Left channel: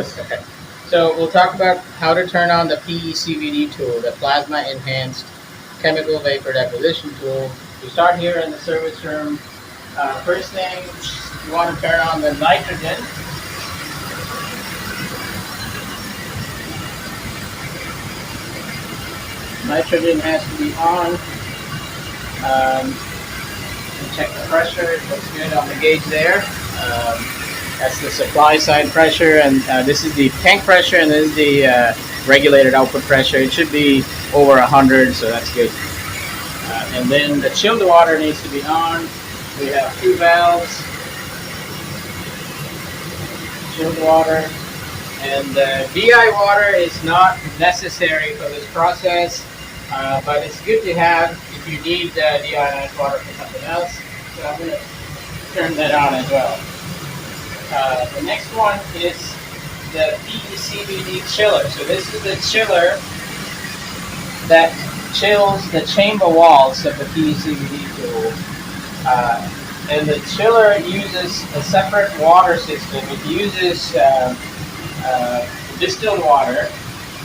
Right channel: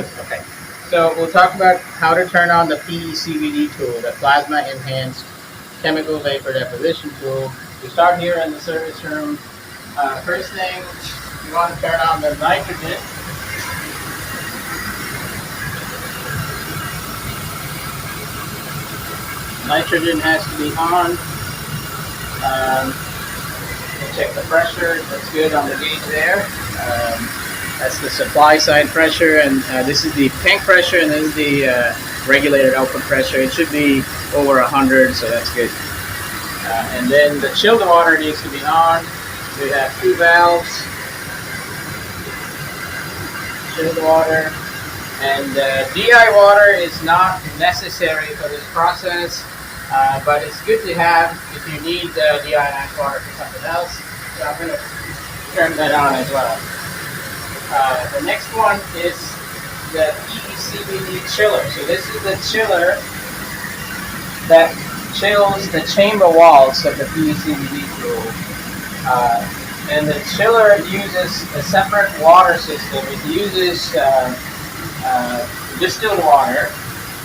Okay, so we'll talk about how to turn on the Pecvd tool, the plasma enhanced chemical vapor deposition tool. We start here in the service room. First thing, you want to turn on the nitrogen. Nitrogen has to be on. Check the pressure. It looks good on the gauge there. That's the supply side pressure, and this is the tank pressure, and this is the regulated output pressure. It should be over 100, so that's good. And then the chilled water needs to be on. We have two valves, chilled water, and DI water is not necessary for this process, but it's good to have if you need deionized water for something else. So I'm going to turn that on as well. The next one is the Pecvd chiller. So this is the chiller that chills the chamber walls of the Pecvd tool. And the chiller uses a separate water system. It uses distilled water.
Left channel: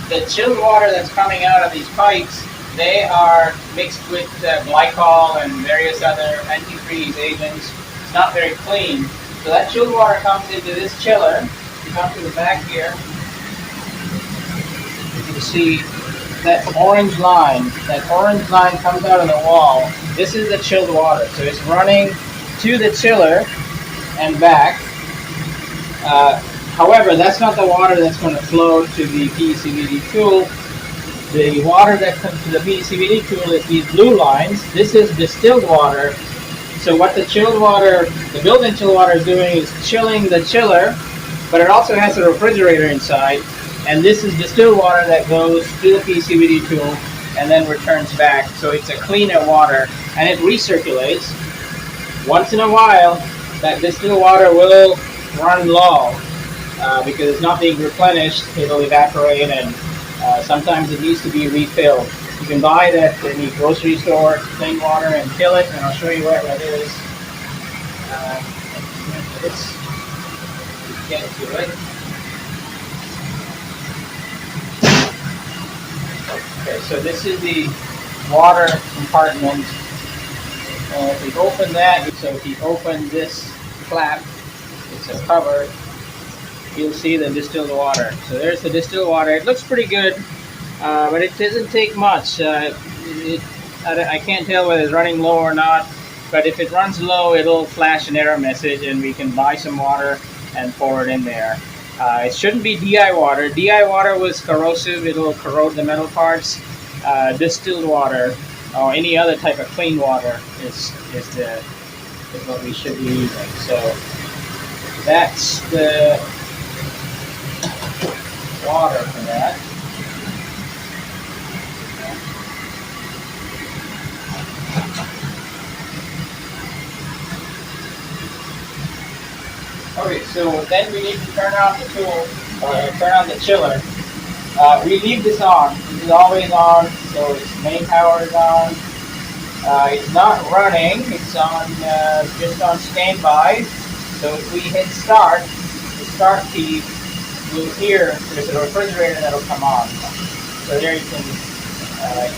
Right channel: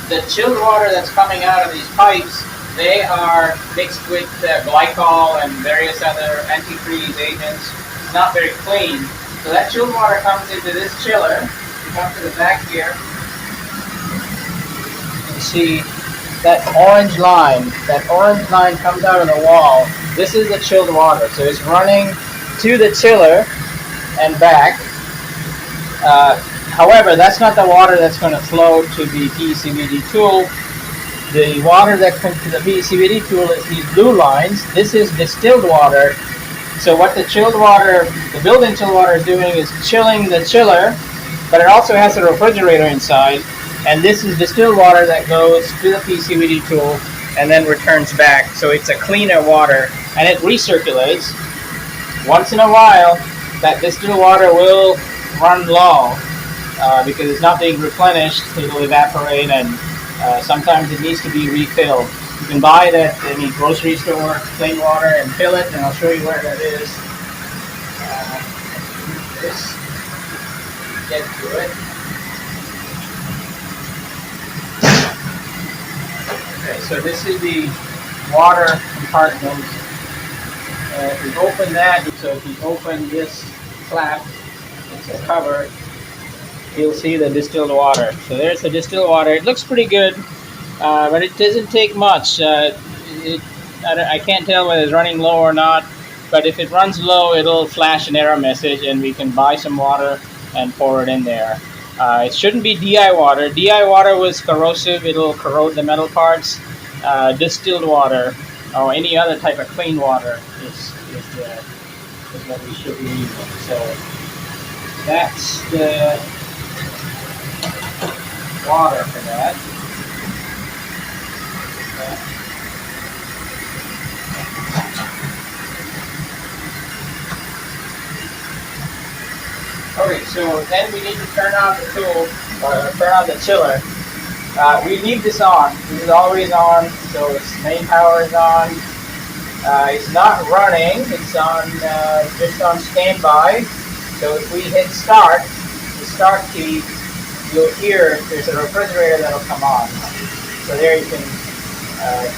The chilled water that's coming out of these pipes, they are mixed with glycol and various other antifreeze agents. It's not very clean. So that chilled water comes into this chiller. You come to the back here. You can see that orange line. That orange line comes out of the wall. This is the chilled water. So it's running to the chiller and back. However, that's not the water that's going to flow to the Pecvd tool. The water that comes to the Pecvd tool is these blue lines. This is distilled water. So what the chilled water, the built-in chilled water is doing is chilling the chiller, but it also has a refrigerator inside. And this is distilled water that goes to the Pecvd tool and then returns back. So it's a cleaner water, and it recirculates. Once in a while, that distilled water will run low because it's not being replenished. It'll evaporate, and sometimes it needs to be refilled. You can buy it at any grocery store, plain water, and fill it, and I'll show you where that is. Get to it. Okay, so this is the water compartment. If we open that, so if you open this flap, it's a cover, you'll see the distilled water. So there's the distilled water. It looks pretty good, but it doesn't take much. I can't tell whether it's running low or not, but if it runs low, it'll flash an error message, and we can buy some water and pour it in there. It shouldn't be DI water. DI water was corrosive. It'll corrode the metal parts. Distilled water or any other type of clean water is what we should be using. So that's the water for that. Okay, so then we need to turn on the tool, turn on the chiller. We leave this on. This is always on, so its main power is on. It's not running. It's on just on standby. So if we hit start, the start key, you'll hear there's a refrigerator that'll come on. So there you can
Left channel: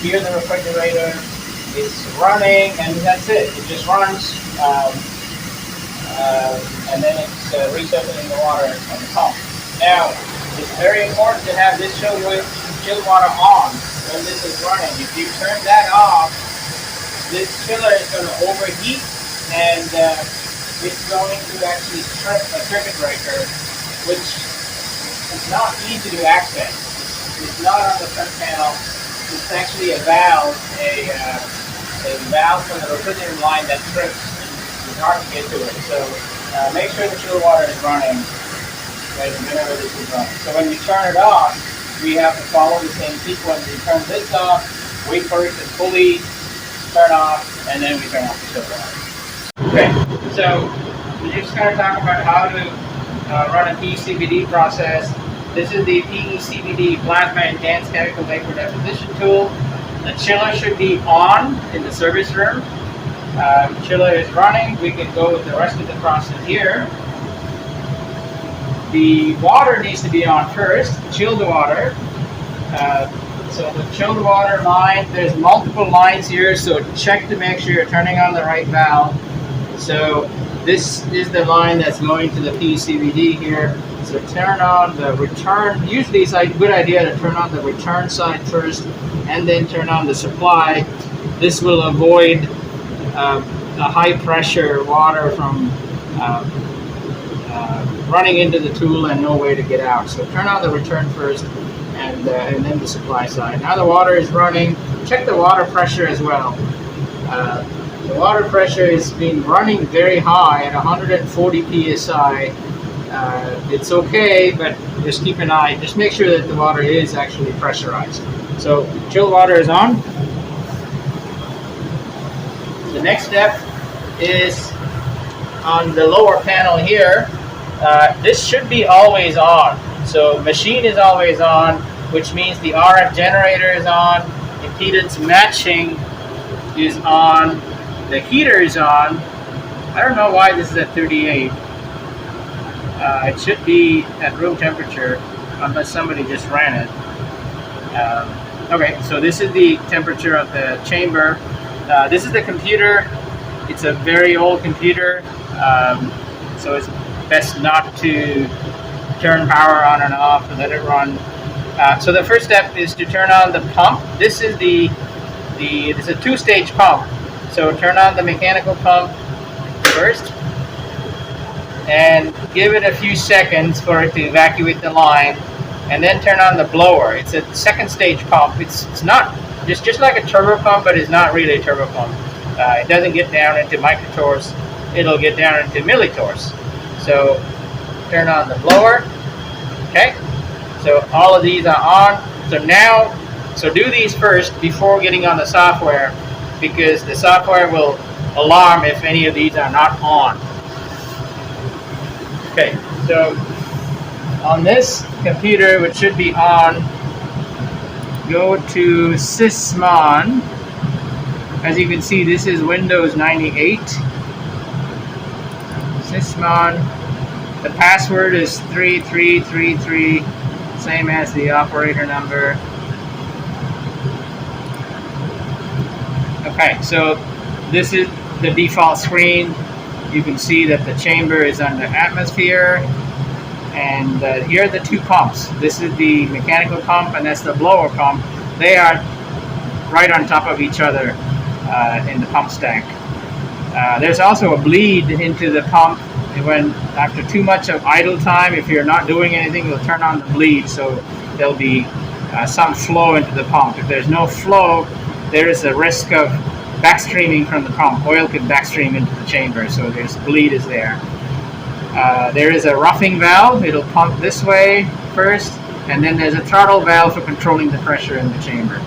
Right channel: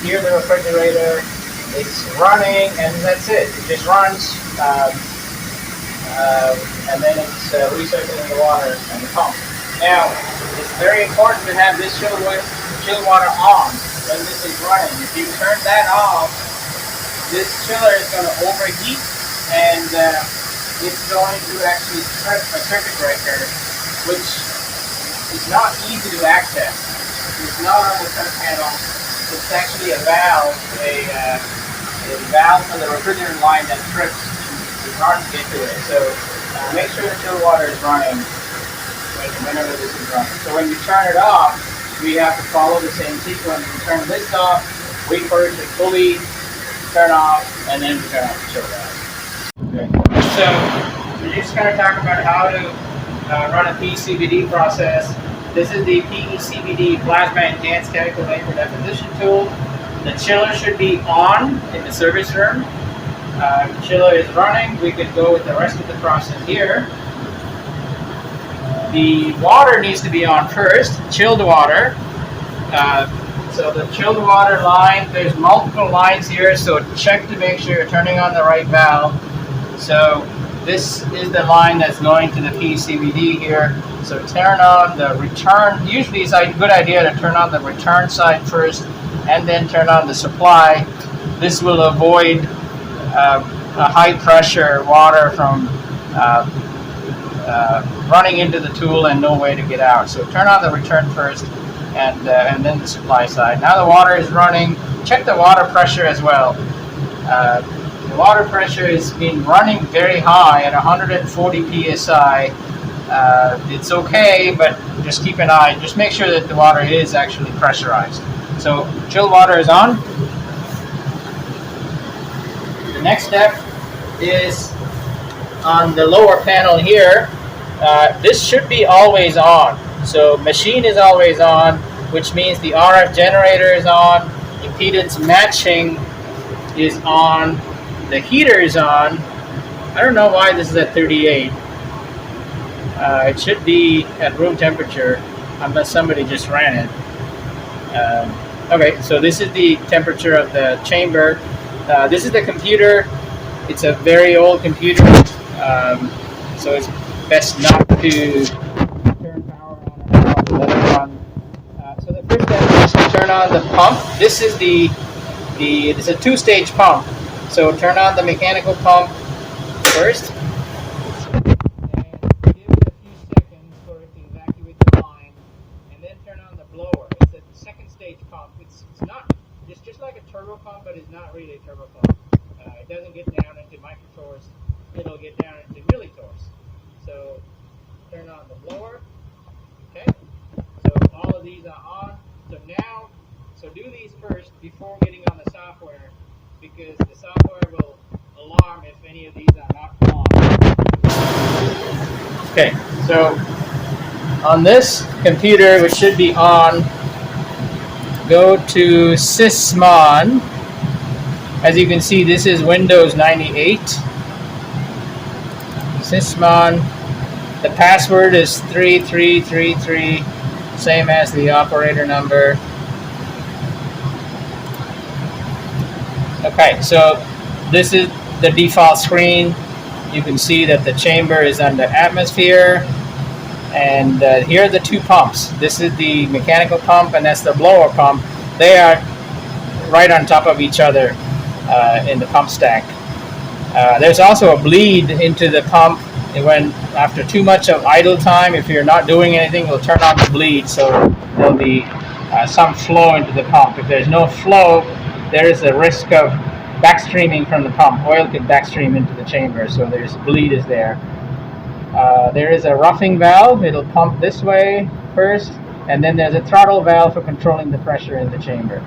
hear the refrigerator. It's running, and that's it. It just runs, and then it's recirculating the water and the pump. Now, it's very important to have this chilled water on when this is running. If you turn that off, this chiller is going to overheat, and it's going to actually trip a circuit breaker, which is not easy to access. It's not on the front panel. It's actually a valve, a valve from the refrigerant line that trips. It's hard to get to it. So make sure the chilled water is running whenever this is running. So when we turn it off, we have to follow the same sequence. We turn this off, wait for it to fully turn off, and then we turn off the chiller water. Okay, so we're just going to talk about how to run a Pecvd process. This is the Pecvd Plasma Enhanced Chemical Vapor Deposition Tool. The chiller should be on in the service room. Chiller is running. We could go with the rest of the process here. the water needs to be on first, chilled water. So the chilled water line, there's multiple lines here, so check to make sure you're turning on the right valve. So this is the line that's going to the Pecvd here. So turn on the return. Usually it's a good idea to turn on the return side first and then turn on the supply. This will avoid a high pressure water from running into the tool and no way to get out. So turn on the return first and then the supply side. Now the water is running. Check the water pressure as well. The water pressure has been running very high at 140 psi. It's okay, but just keep an eye. Just make sure that the water is actually pressurized. So chilled water is on. The next step is on the lower panel here. This should be always on. So machine is always on, which means the RF generator is on, impedance matching is on, the heater is on. I don't know why this is at 38. It should be at room temperature unless somebody just ran it. Okay, so this is the temperature of the chamber. This is the computer. It's a very old computer, so it's best not to turn power on and off, let it run. So the first step is to turn on the pump. This is it's a two-stage pump. So turn on the mechanical pump first and give it a few seconds for it to evacuate the line, and then turn on the blower. It's a second stage pump. It's not just like a turbo pump, but it's not really a turbo pump. It doesn't get down into microtorrs. It'll get down into millitorrs. So turn on the blower. Okay. So all of these are on. So do these first before getting on the software, because the software will alarm if any of these are not on. Okay, so on this computer, which should be on, go to Sysmon. As you can see, this is Windows 98. Sysmon. The password is 3333, same as the operator number. Okay, so this is the default screen. You can see that the chamber is under atmosphere, and here are the two pumps. This is the mechanical pump, and that's the blower pump. They are right on top of each other in the pump stack. There's also a bleed into the pump. When after too much of idle time, if you're not doing anything, it'll turn on the bleed, so there'll be some flow into the pump. If there's no flow, there is a risk of backstreaming from the pump. Oil could backstream into the chamber, so there's bleed is there. There is a roughing valve. It'll pump this way first, and then there's a throttle valve for controlling the pressure in the chamber.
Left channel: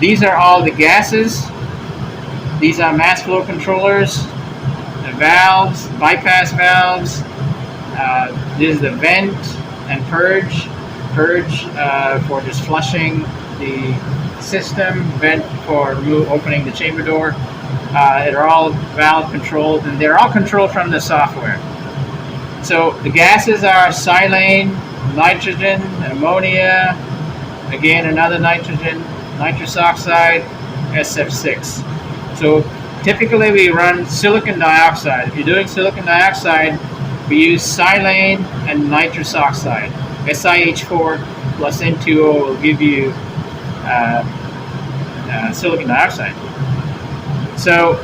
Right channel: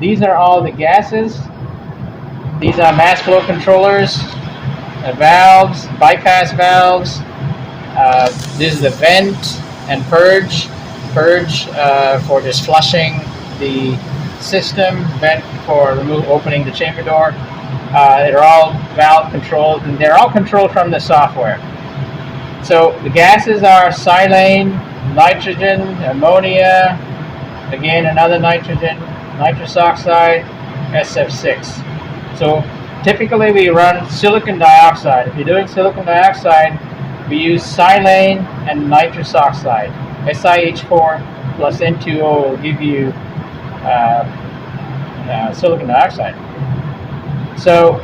These are all the gases. These are mass flow controllers, valves, bypass valves. This is the vent and purge. Purge for just flushing the system, vent for opening the chamber door. They're all valve controlled, and they're all controlled from the software. So the gases are silane, nitrogen, ammonia, again another nitrogen, nitrous oxide, SF6. So typically we run silicon dioxide. If you're doing silicon dioxide, we use silane and nitrous oxide. SiH4 plus N2O will give you silicon dioxide. So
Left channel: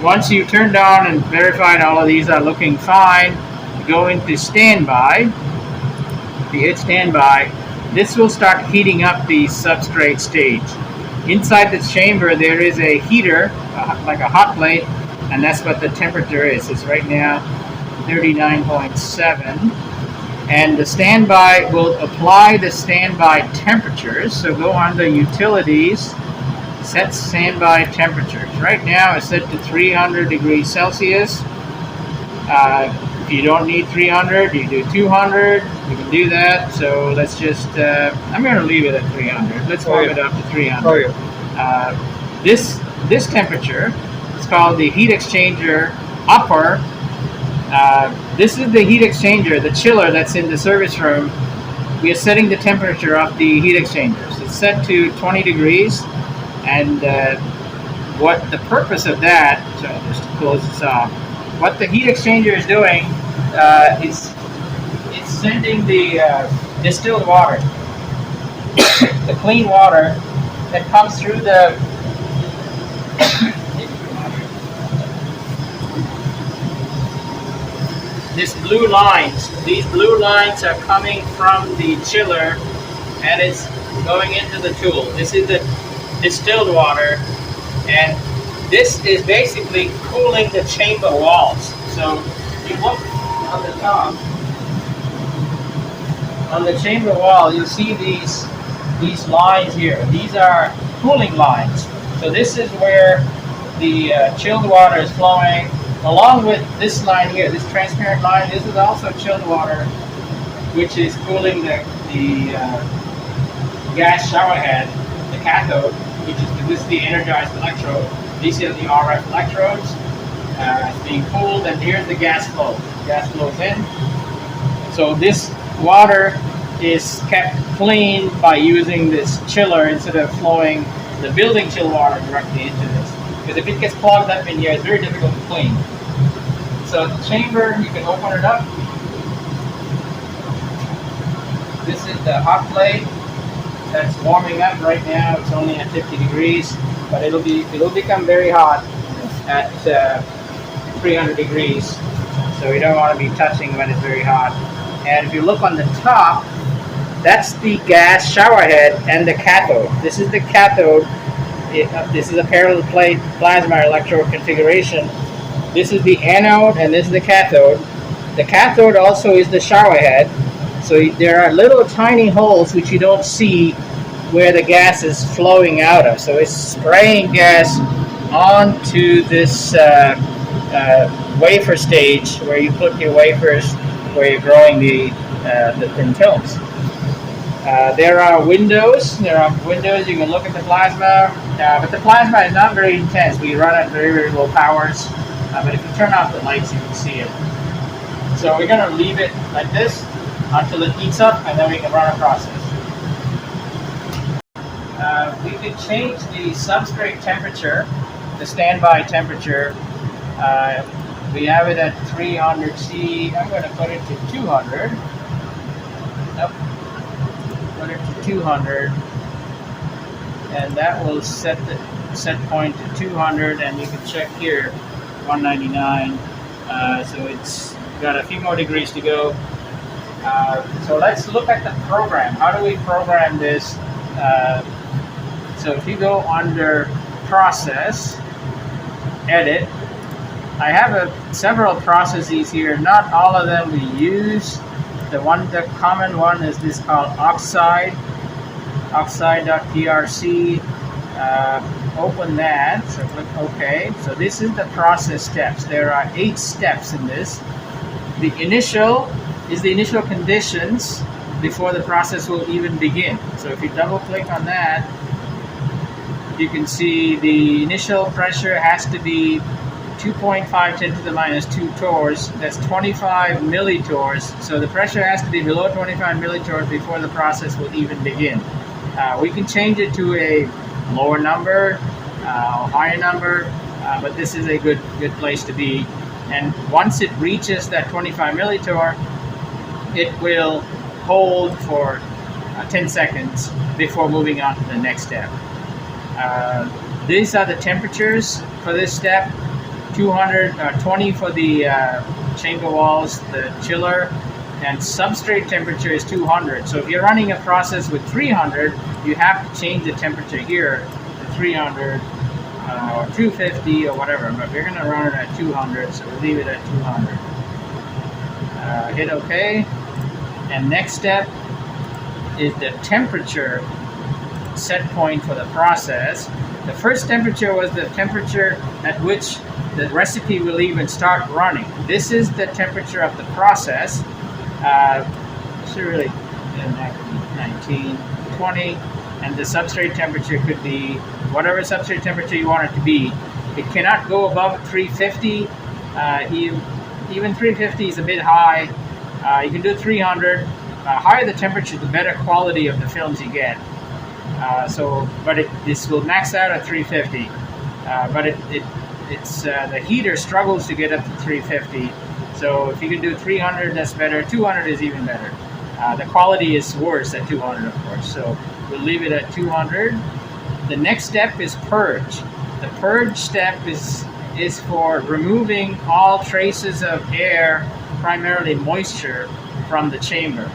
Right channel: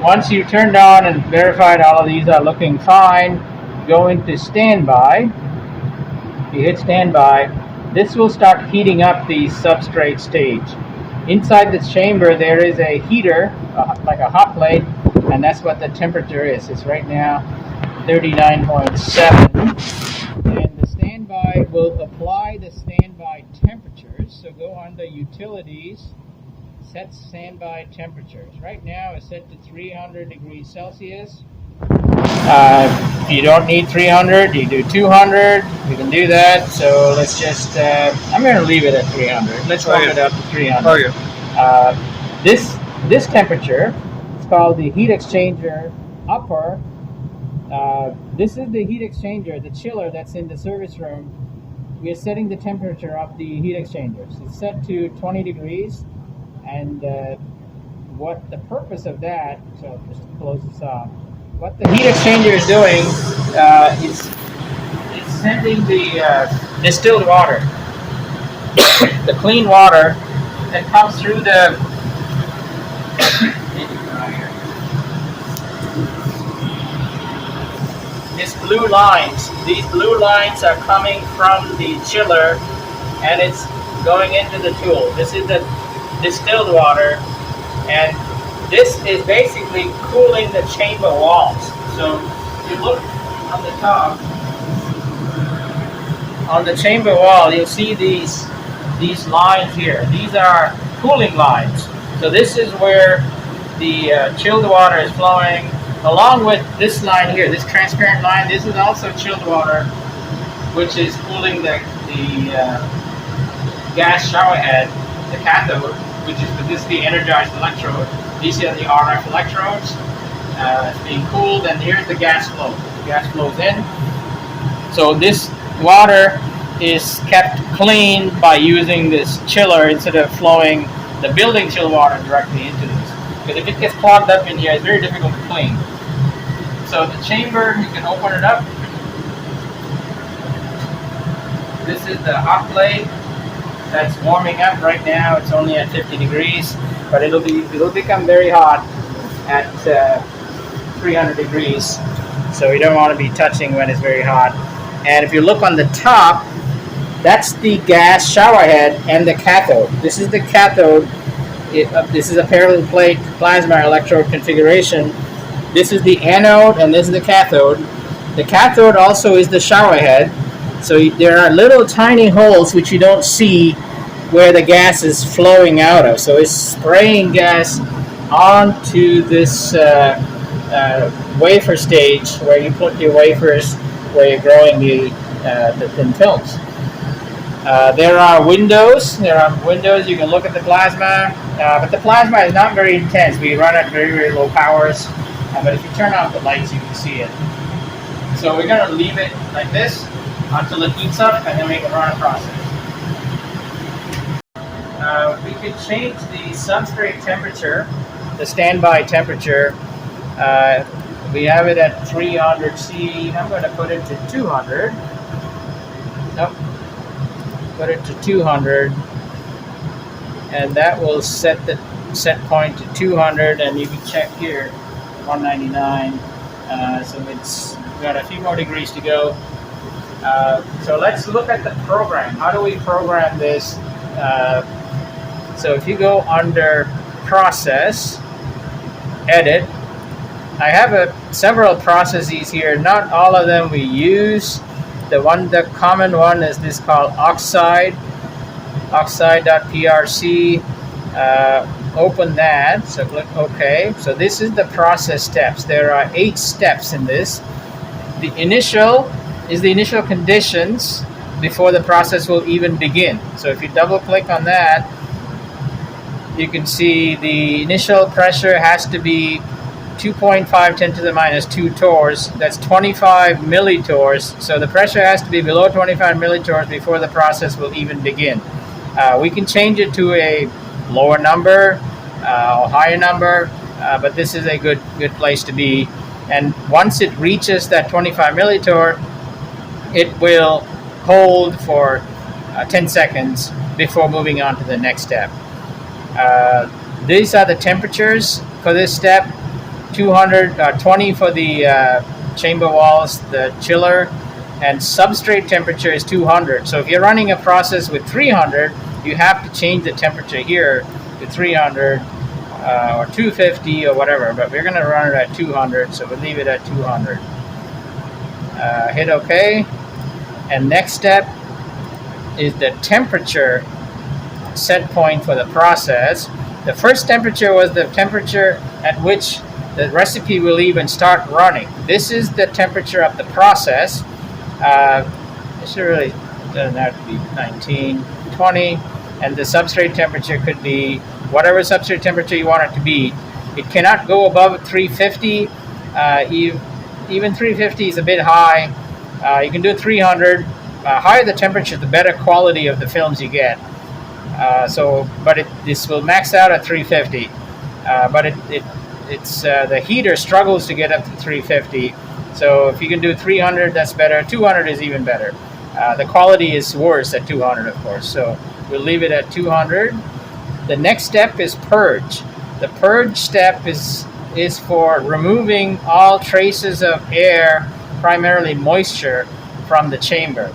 once you've turned on and verified all of these are looking fine, go into standby. If you hit standby, this will start heating up the substrate stage. Inside this chamber there is a heater, like a hot plate, and that's what the temperature is. It's right now 39.7, and the standby will apply the standby temperatures. So go on to utilities, set standby temperatures. Right now it's set to 300 degrees Celsius. If you don't need 300, you do 200. You can do that. So let's just, I'm going to leave it at 300. Let's bump it up to 300. This temperature is called the heat exchanger upper This is the heat exchanger, the chiller that's in the service room. We are setting the temperature of the heat exchangers. It's set to 20 degrees, and what the purpose of that, so just to close this off, what the heat exchanger is doing is it's sending the distilled water, the clean water that comes through the these blue lines. These blue lines are coming from the chiller, and it's going into the tool. This is the distilled water, and this is basically cooling the chamber walls. So if you look on the top, on the chamber wall, you'll see these lines here. These are cooling lines. So this is where the chilled water is flowing, along with this line here, this transparent line. This is also chilled water, which is cooling the gas shower head, the cathode, which is this is the energized electrode. These are the RF electrodes. It's being cooled, and here's the gas flow. The gas flows in. So this water is kept clean by using this chiller instead of flowing the building chill water directly into this. Because if it gets clogged up in here, it's very difficult to clean. So the chamber, you can open it up. This is the hot plate that's warming up right now. It's only at 50 degrees, but it'll become very hot at 300 degrees. So we don't want to be touching when it's very hot. And if you look on the top, that's the gas shower head and the cathode. This is the cathode. This is a parallel plate plasma electrode configuration. This is the anode, and this is the cathode. The cathode also is the shower head. So there are little tiny holes which you don't see where the gas is flowing out of. So it's spraying gas onto this wafer stage where you put your wafers, where you're growing the thin films. There are windows. You can look at the plasma, but the plasma is not very intense. We run at very, very low powers. But if you turn off the lights, you can see it. So we're going to leave it like this until it heats up, and then we can run a process. We could change the substrate temperature, the standby temperature. We have it at 300 C. I'm going to put it to 200. Nope. Put it to 200, and that will set the set point to 200. And you can check here, 199. So it's got a few more degrees to go. So let's look at the program. How do we program this? So if you go under Process, Edit, I have several processes here. Not all of them we use. The common one is this called oxide, oxide.prc. Open that, so click OK. So this is the process steps. There are 8 steps in this. The initial is the initial conditions before the process will even begin. So if you double click on that, you can see the initial pressure has to be 2.5 10 to the minus 2 torrs. That's 25 millitorrs. So the pressure has to be below 25 millitorrs before the process will even begin. We can change it to a lower number or higher number, but this is a good place to be. And once it reaches that 25 millitorr, it will hold for 10 seconds before moving on to the next step. These are the temperatures for this step. 220 for the chamber walls, the chiller, and substrate temperature is 200. So if you're running a process with 300, you have to change the temperature here to 300 or 250 or whatever, but we're going to run it at 200, so we'll leave it at 200. Hit OK, and next step is the temperature set point for the process. The first temperature was the temperature at which the recipe will even start running. This is the temperature of the process. This really doesn't have to be 19, 20, and the substrate temperature could be whatever substrate temperature you want it to be. It cannot go above 350. even 350 is a bit high. You can do 300. Higher the temperature, the better quality of the films you get. This will max out at 350. The heater struggles to get up to 350. So if you can do 300, that's better. 200 is even better. The quality is worse at 200, of course. So we'll leave it at 200. The next step is purge. The purge step is for removing all traces of air, primarily moisture, from the chamber.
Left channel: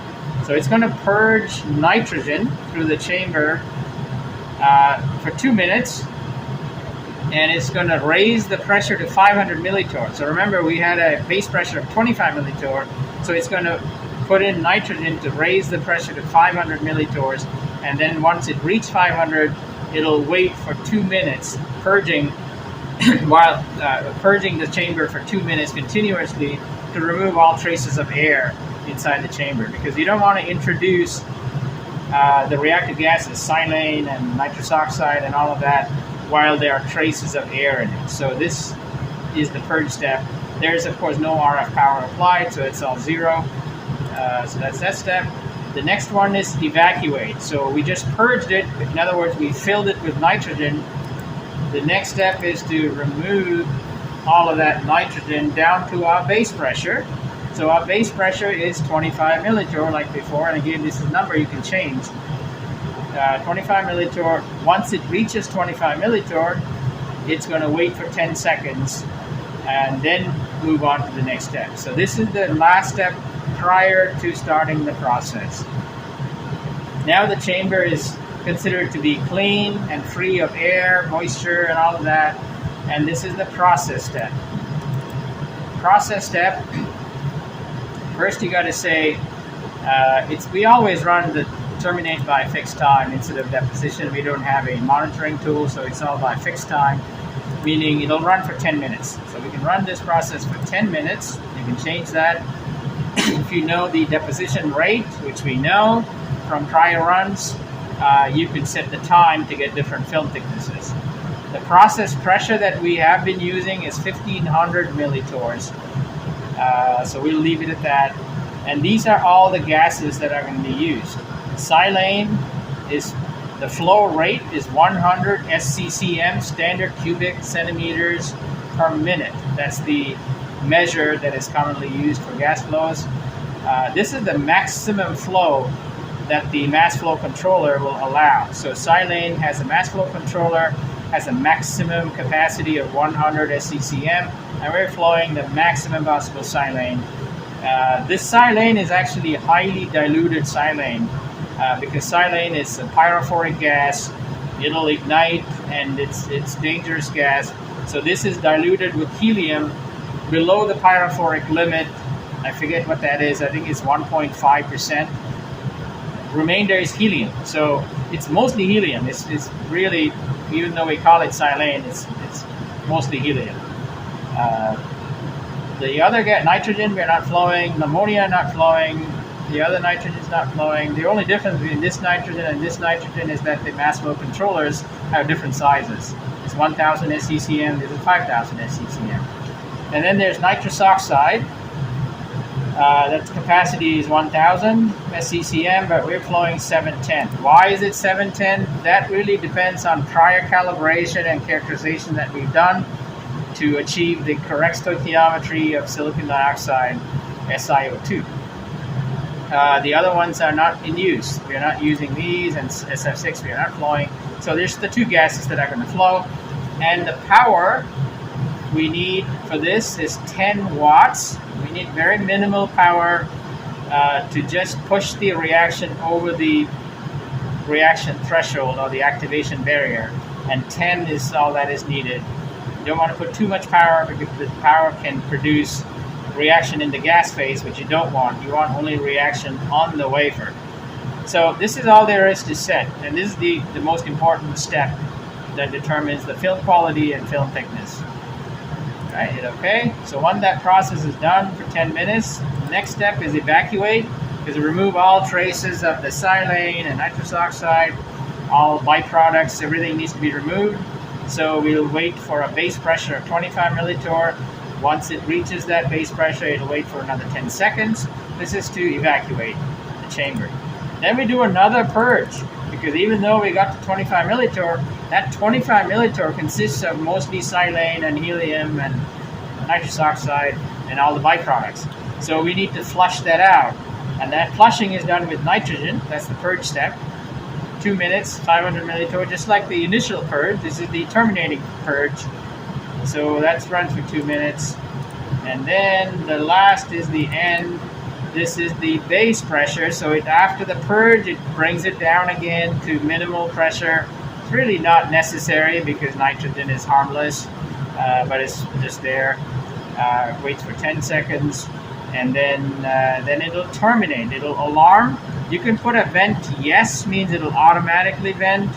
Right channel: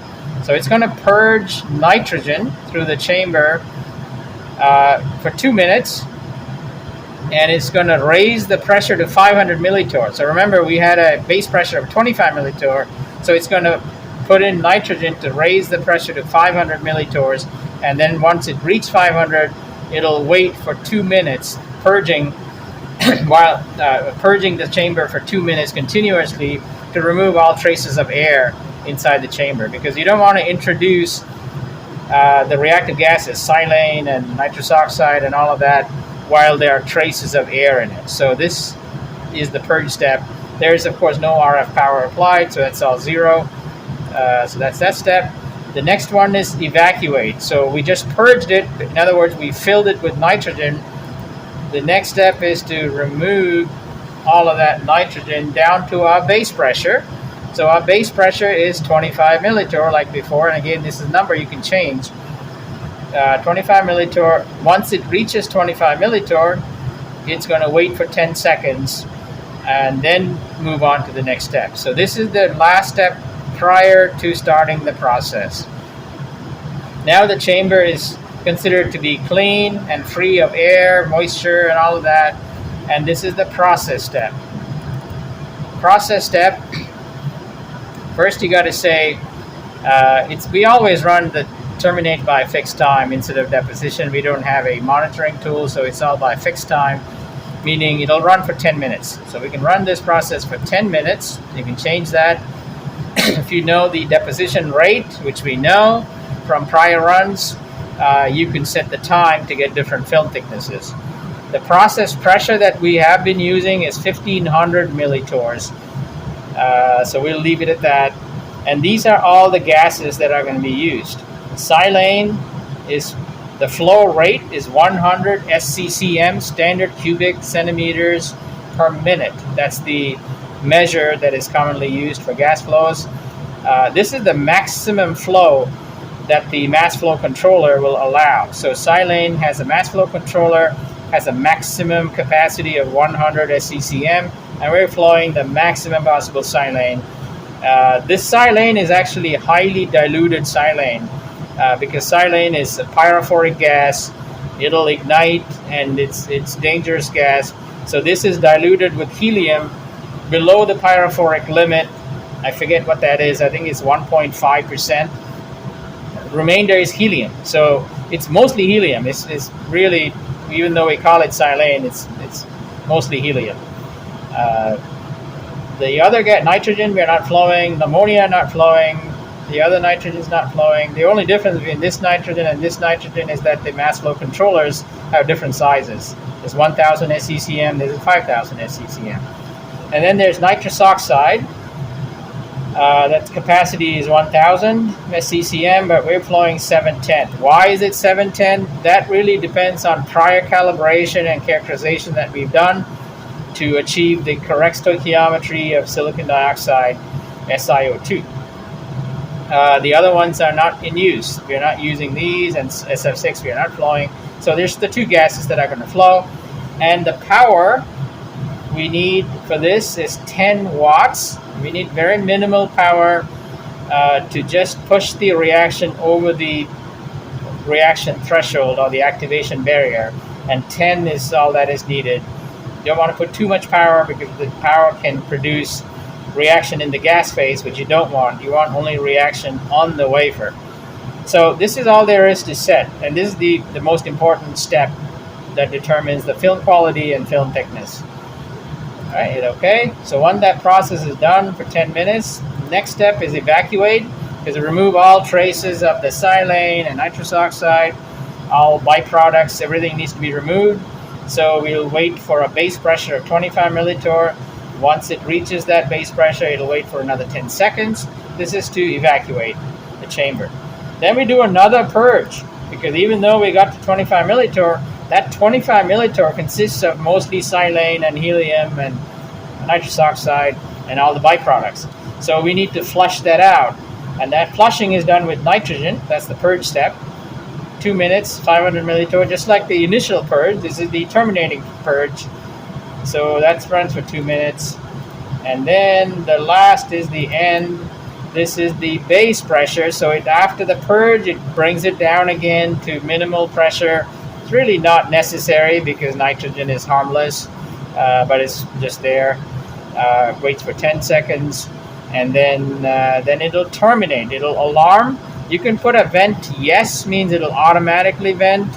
So it's going to purge nitrogen through the chamber for 2 minutes, and it's going to raise the pressure to 500 millitorr. So remember, we had a base pressure of 25 millitorr, so it's going to put in nitrogen to raise the pressure to 500 millitorrs, and then once it reaches 500, it'll wait for 2 minutes, purging while purging the chamber for 2 minutes continuously to remove all traces of air inside the chamber, because you don't want to introduce the reactive gases, silane and nitrous oxide and all of that, while there are traces of air in it. So this is the purge step. There is, of course, no RF power applied, so that's all zero. So that's that step. The next one is evacuate. So we just purged it. In other words, we filled it with nitrogen. The next step is to remove all of that nitrogen down to our base pressure. So our base pressure is 25 millitorr like before, and again, this is a number you can change. 25 millitorr. Once it reaches 25 millitorr, it's going to wait for 10 seconds and then move on to the next step. So this is the last step prior to starting the process. Now the chamber is considered to be clean and free of air, moisture, and all of that, and this is the process step. Process step. First, you got to say we always run the terminate by fixed time instead of deposition. We don't have a monitoring tool, so it's all by fixed time, meaning it'll run for 10 minutes. So we can run this process for 10 minutes. You can change that. If you know the deposition rate, which we know from prior runs, you can set the time to get different film thicknesses. The process pressure that we have been using is 1500 millitorrs. So we'll leave it at that. And these are all the gases that are going to be used. Silane is, the flow rate is 100 SCCM, standard cubic centimeters per minute. That's the measure that is commonly used for gas flows. This is the maximum flow that the mass flow controller will allow. So silane has a mass flow controller, has a maximum capacity of 100 SCCM, and we're flowing the maximum possible silane. This silane is actually highly diluted silane because silane is a pyrophoric gas. It'll ignite, and it's dangerous gas. So this is diluted with helium below the pyrophoric limit. I forget what that is. I think it's 1.5%. Remainder is helium. So it's mostly helium. It's really, even though we call it silane, it's mostly helium. The other nitrogen, we're not flowing. Ammonia, not flowing. The other nitrogen is not flowing. The only difference between this nitrogen and this nitrogen is that the mass flow controllers have different sizes. There's 1,000 SCCM, there's 5,000 SCCM. And then there's nitrous oxide. That capacity is 1,000 SCCM, but we're flowing 710. Why is it 710? That really depends on prior calibration and characterization that we've done to achieve the correct stoichiometry of silicon dioxide, SiO2. The other ones are not in use. We're not using these, and SF6 we are not flowing. So there's the two gases that are going to flow. And the power we need for this is 10 watts. We need very minimal power to just push the reaction over the reaction threshold or the activation barrier. And 10 is all that is needed. You don't want to put too much power because the power can produce reaction in the gas phase, which you don't want. You want only reaction on the wafer. So this is all there is to set. And this is the most important step that determines the film quality and film thickness. All right, hit OK. So once that process is done for 10 minutes, the next step is evacuate, is to remove all traces of the silane and nitrous oxide, all byproducts, everything needs to be removed. So we'll wait for a base pressure of 25 millitorr. Once it reaches that base pressure, it'll wait for another 10 seconds. This is to evacuate the chamber. Then we do another purge, because even though we got to 25 millitorr, that 25 millitorr consists of mostly silane and helium and nitrous oxide and all the byproducts. So we need to flush that out. And that flushing is done with nitrogen. That's the purge step. 2 minutes, 500 millitorr, just like the initial purge. This is the terminating purge. So that runs for 2 minutes. And then the last is the end. This is the base pressure. So after the purge, it brings it down again to minimal pressure. It's really not necessary because nitrogen is harmless, but it's just there. Waits for 10 seconds, and then it'll terminate. It'll alarm. You can put a vent yes, means it'll automatically vent.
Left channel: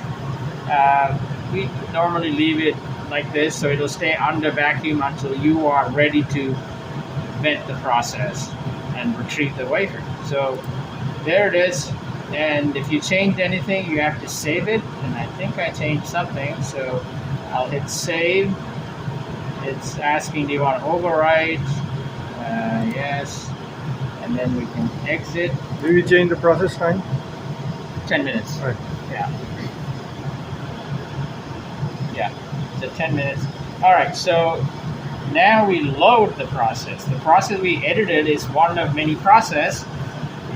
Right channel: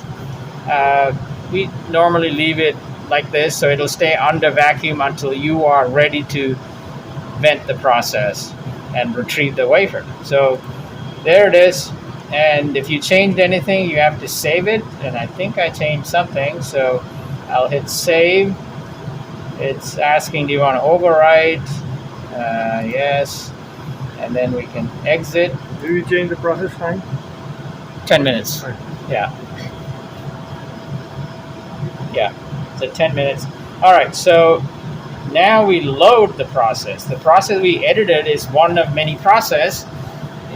We normally leave it like this, so it'll stay under vacuum until you are ready to vent the process and retrieve the wafer. So there it is. And if you changed anything, you have to save it. And I think I changed something, so I'll hit save. It's asking, do you want to overwrite? Yes. And then we can exit. Do you change the process time? 10 minutes. Right. Yeah. Yeah. So 10 minutes. All right. So now we load the process. The process we edited is one of many process.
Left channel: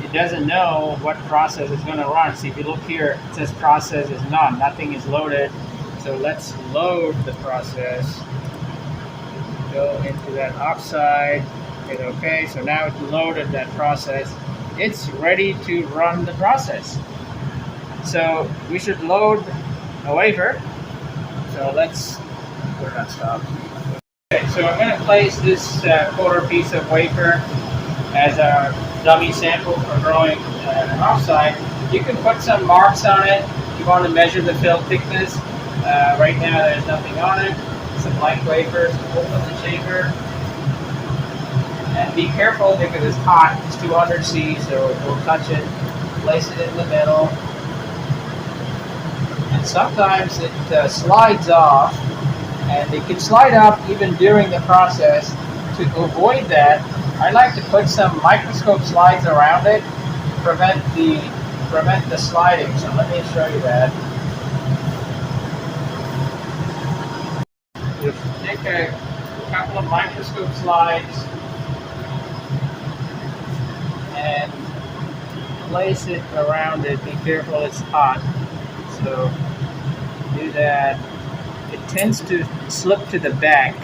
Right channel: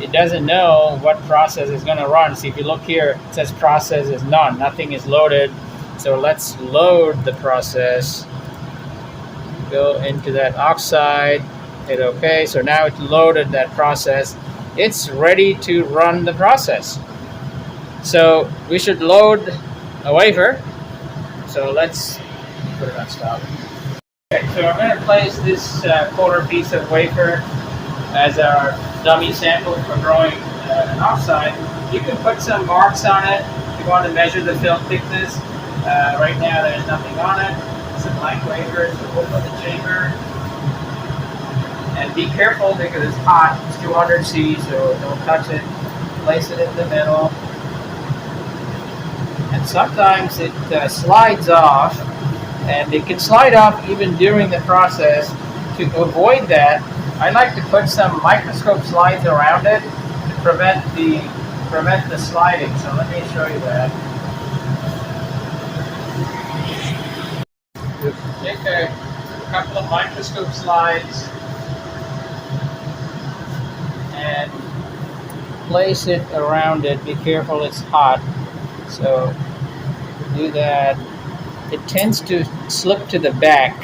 It doesn't know what process is going to run. So if you look here, it says process is none. Nothing is loaded. So let's load the process. Go into that oxide. Hit OK. So now it's loaded that process. It's ready to run the process. So we should load a wafer. So let's put it on stop. Okay, so I'm going to place this quarter piece of wafer as our dummy sample for growing an oxide. You can put some marks on it if you want to measure the film thickness. Right now there's nothing on it. It's a blank wafer, so open the chamber. And be careful because it's hot. It's 200 C, so don't touch it. Place it in the middle. And sometimes it slides off, and it can slide off even during the process. To avoid that, I like to put some microscope slides around it to prevent the sliding. So let me show you that. Yep. Take a couple of microscope slides and place it around it. Be careful, it's hot. So do that. It tends to slip to the back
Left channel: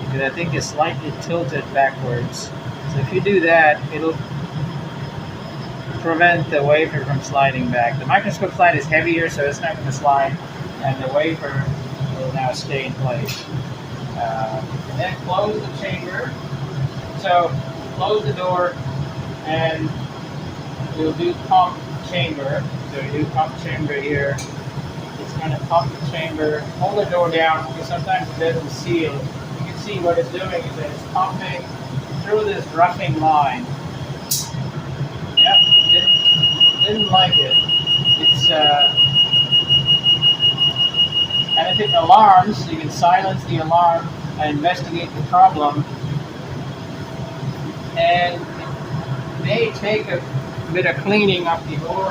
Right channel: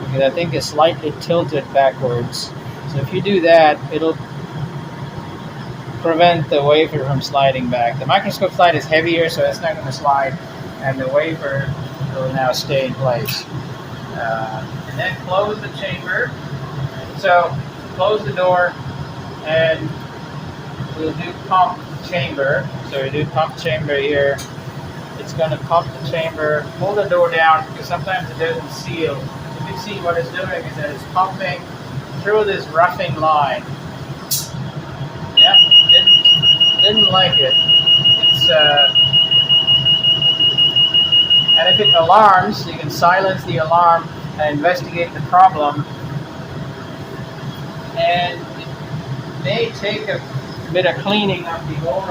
because I think it's slightly tilted backwards. So if you do that, it'll prevent the wafer from sliding back. The microscope slide is heavier, so it's not going to slide, and the wafer will now stay in place. And then close the chamber. So close the door, and we'll do pump chamber. So we do pump chamber here. It's going to pump the chamber. Hold the door down because sometimes it doesn't seal. You can see what it's doing is that it's pumping through this roughing line. Yeah, didn't like it. It's and if it alarms, you can silence the alarm and investigate the problem. And it may take a bit of cleaning up the whole.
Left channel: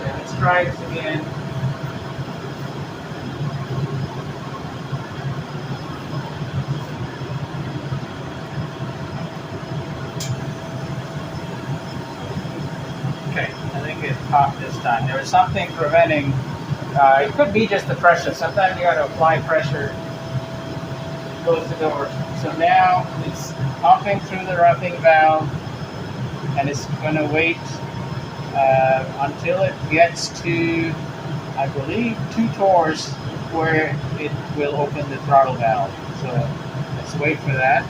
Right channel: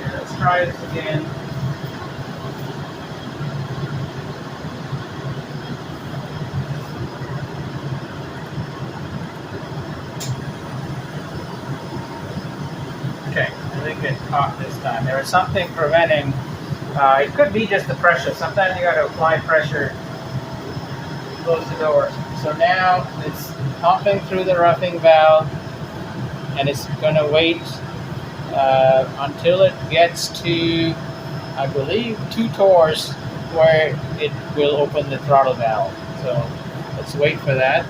Yeah, let's try this again. Okay, I think it caught this time. There was something preventing. It could be just the pressure. Sometimes you got to apply pressure. Close the door. So now it's pumping through the roughing valve, and it's going to wait until it gets to, I believe, 2 torrs where it will open the throttle valve. So let's wait for that.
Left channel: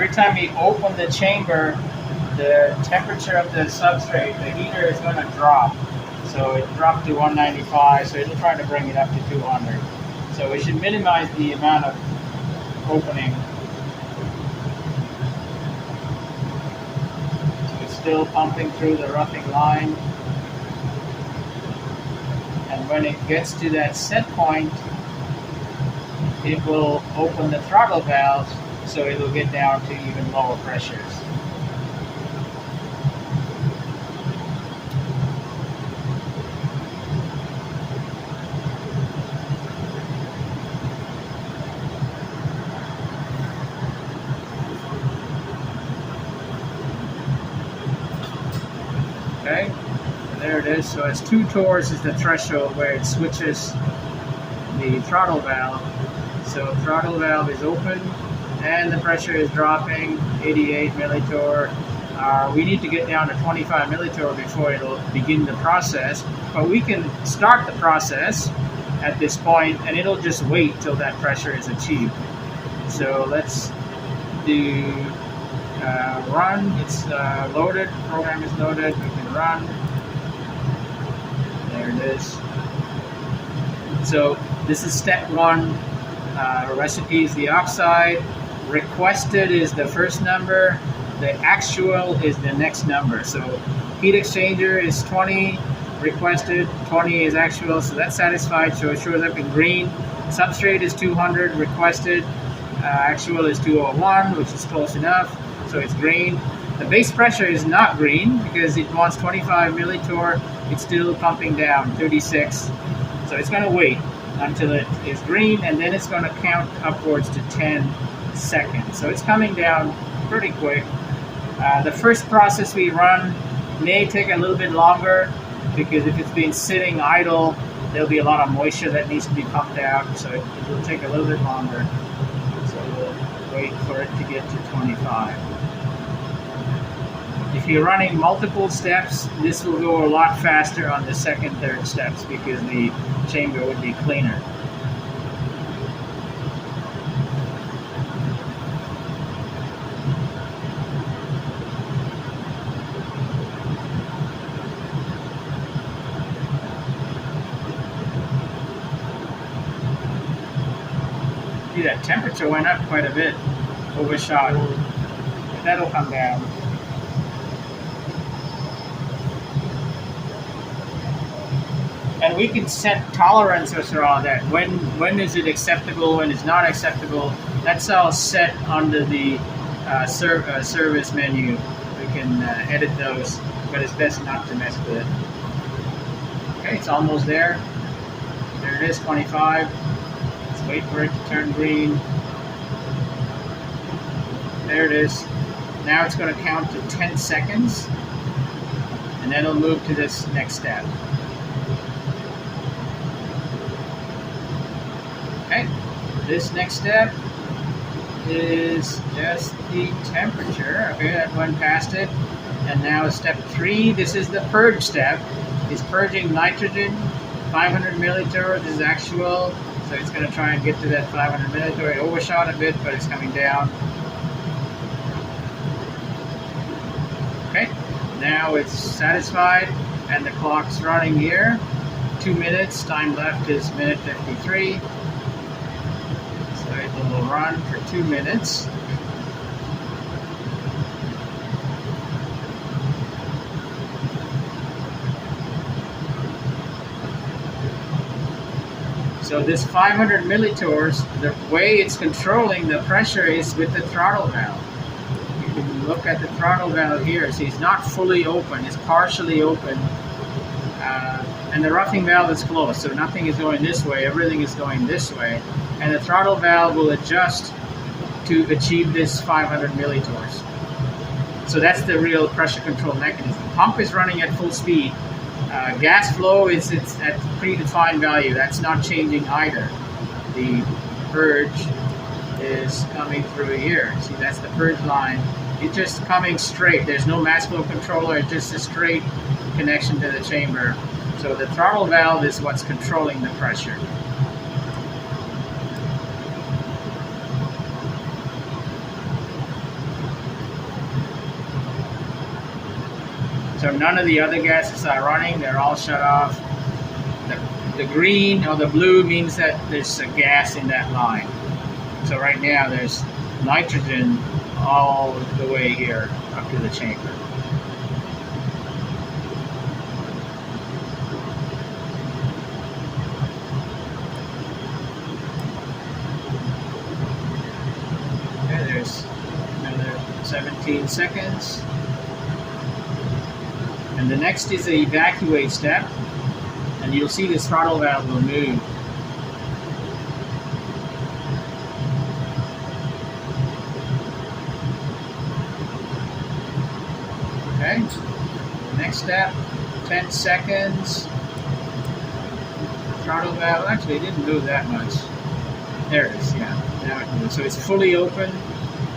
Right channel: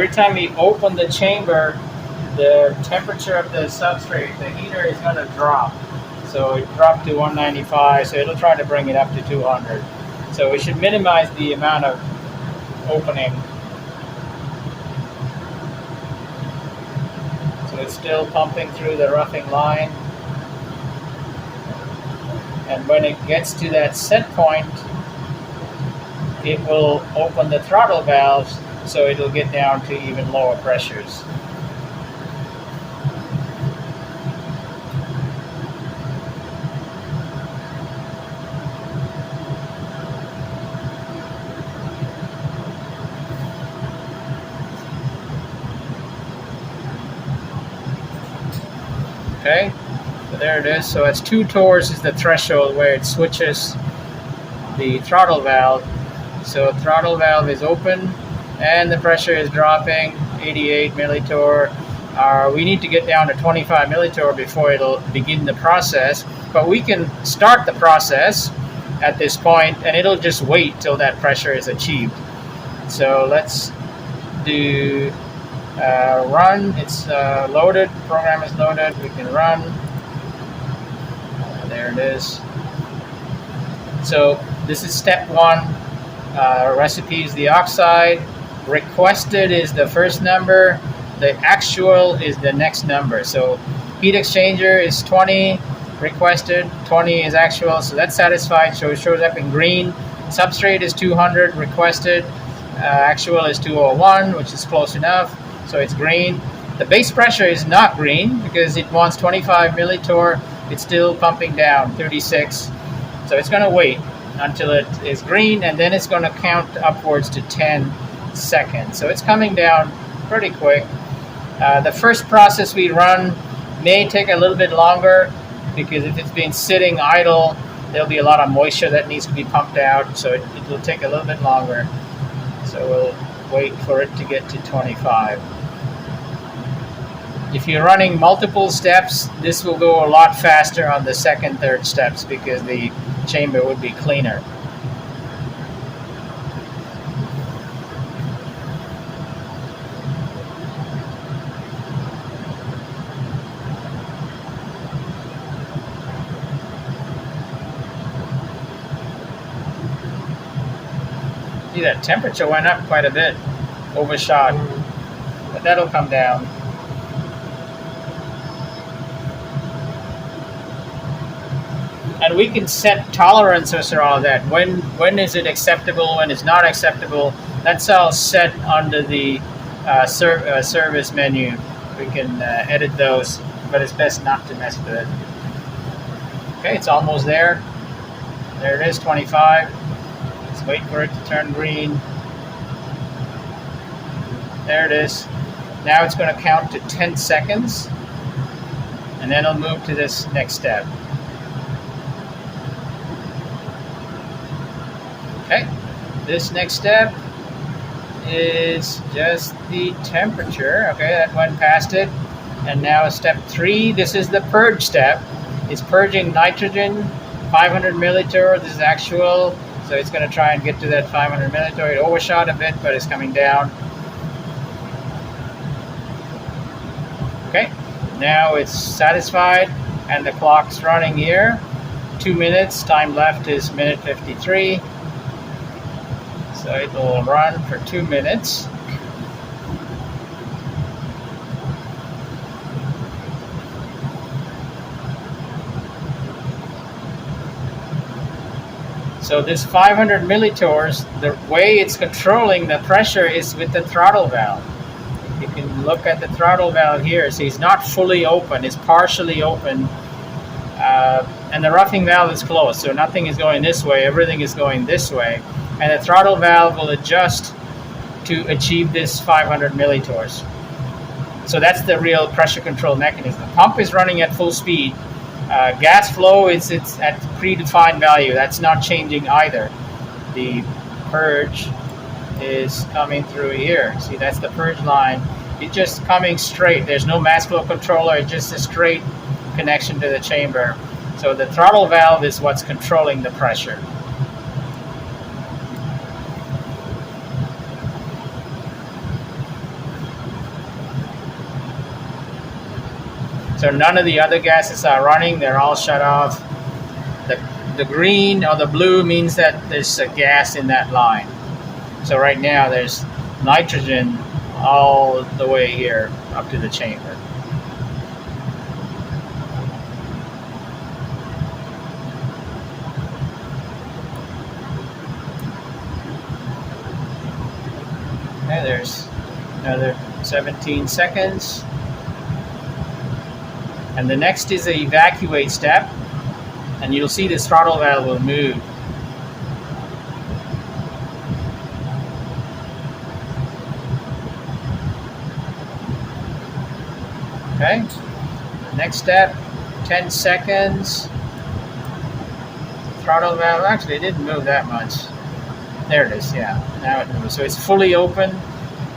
every time we open the chamber, the temperature of the substrate, the heater is going to drop. So it dropped to 195, so it'll try to bring it up to 200. So we should minimize the amount of opening. So it's still pumping through the roughing line. And when it gets to that set point, it will open the throttle valves, so it'll get down to even lower pressures. Okay, so there it is. So it's 2 torrs is the threshold where it switches the throttle valve. So throttle valve is open and the pressure is dropping, 88 millitorr. We need to get down to 25 millitorr before it'll begin the process, but we can start the process at this point and it'll just wait till that pressure is achieved. So let's do run. It's loaded, program is loaded, we can run. There it is. So this is step 1. Recipe is the oxide. Requested is the first number. The actual is the next number. So heat exchanger is 20, requested, 20 is actual, so that's satisfied, so it shows up in green. Substrate is 200, requested, actual is 201, which is close enough, so it's green. The base pressure is not green because it wants 25 millitorr. It's still pumping down, 36. So it's going to wait until it is green, and then it's going to count upwards to 10 seconds. So it's coming down pretty quick. The first process we run may take a little bit longer because if it's been sitting idle, there'll be a lot of moisture that needs to be pumped out, so it will take a little bit longer. So we'll wait for it to get to 25. If you're running multiple steps, this will go a lot faster on the second, third steps because the chamber would be cleaner. See, that temperature went up quite a bit, overshot, but that'll come down. And we can set tolerances for all of that. When is it acceptable? When is not acceptable? That's all set under the service menu. We can edit those, but it's best not to mess with it. Okay, it's almost there. There it is, 25. Let's wait for it to turn green. There it is. Now it's going to count to 10 seconds, and then it'll move to this next step. Okay, this next step is just the temperature. Okay, that went past it. And now step 3, this is the purge step. It's purging nitrogen, 500 millitorr. This is actual, so it's going to try and get to that 500 millitorr. It overshot a bit, but it's coming down. Okay, now it's satisfied, and the clock's running here. 2 minutes, time left is minute 53. So it will run for 2 minutes. So this 500 millitorrs, the way it's controlling the pressure is with the throttle valve. You can look at the throttle valve here. See, it's not fully open, it's partially open. And the roughing valve is closed, so nothing is going this way, everything is going this way. And the throttle valve will adjust to achieve this 500 millitorrs. So that's the real pressure control mechanism. The pump is running at full speed. Gas flow it's at predefined value. That's not changing either. The purge is coming through here. See, that's the purge line. It's just coming straight. There's no mass flow controller. It's just a straight connection to the chamber. So the throttle valve is what's controlling the pressure. So none of the other gases are running, they're all shut off. The green or the blue means that there's a gas in that line. So right now there's nitrogen all the way here up to the chamber. Okay, there's another 17 seconds. And the next is the evacuate step. And you'll see this throttle valve will move. Okay, the next step, 10 seconds. Throttle valve, actually it didn't move that much. There it is, yeah, now it moves. So it's fully open.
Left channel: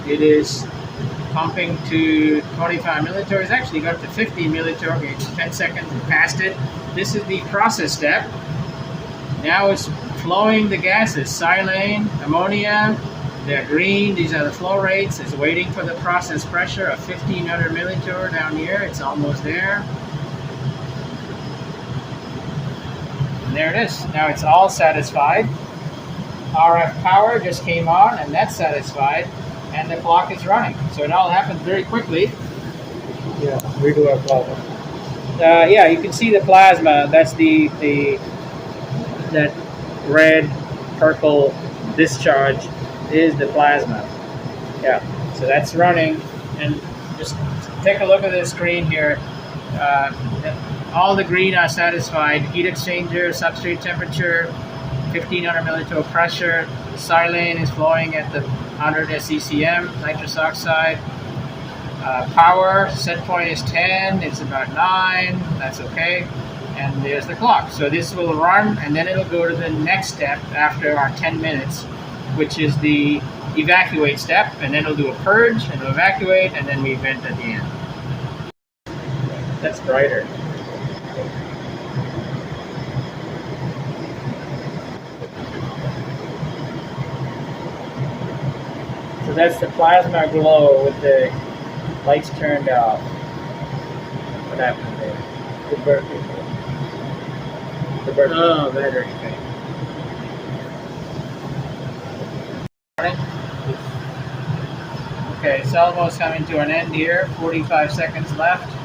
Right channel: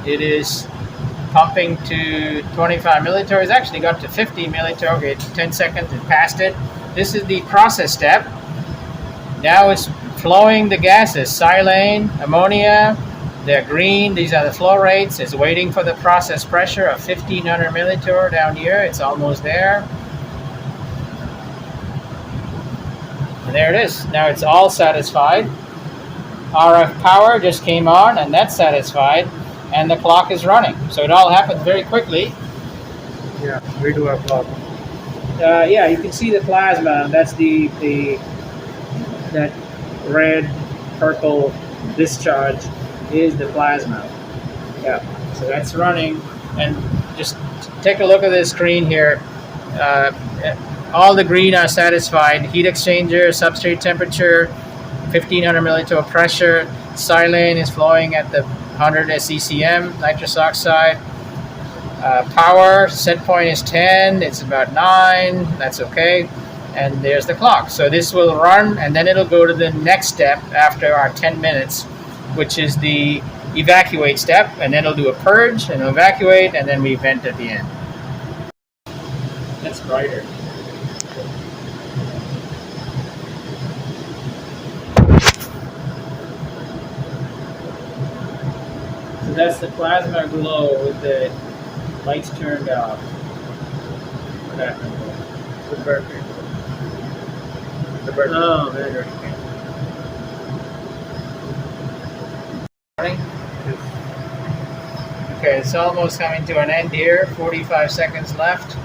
It is pumping to 25 milliliters. It's actually got to 50 milliliters. Okay, 10 seconds, it passed it. This is the process step. Now it's flowing the gases, silane, ammonia. They're green. These are the flow rates. It's waiting for the process pressure of 1500 milliliters down here. It's almost there. And there it is. Now it's all satisfied. RF power just came on, and that's satisfied. And the clock is running. So it all happened very quickly. Yeah, we do have problem. Yeah, you can see the plasma. That's that red, purple discharge is the plasma. Yeah, so that's running. And just take a look at this screen here. All the green are satisfied. Heat exchanger, substrate temperature, 1500 milliliter pressure. Silane is flowing at the 100 SECM, nitrous oxide. Power, set point is 10, it's about 9, that's okay. And there's the clock. So this will run, and then it'll go to the next step after our 10 minutes, which is the evacuate step, and then it'll do a purge, and it'll evacuate, and then we vent at the end. That's brighter. So that's the plasma glow with the lights turned off. What happened there? The battery. The battery. Oh, battery. Okay. Okay, it's almost coming to an end here. 45 seconds left.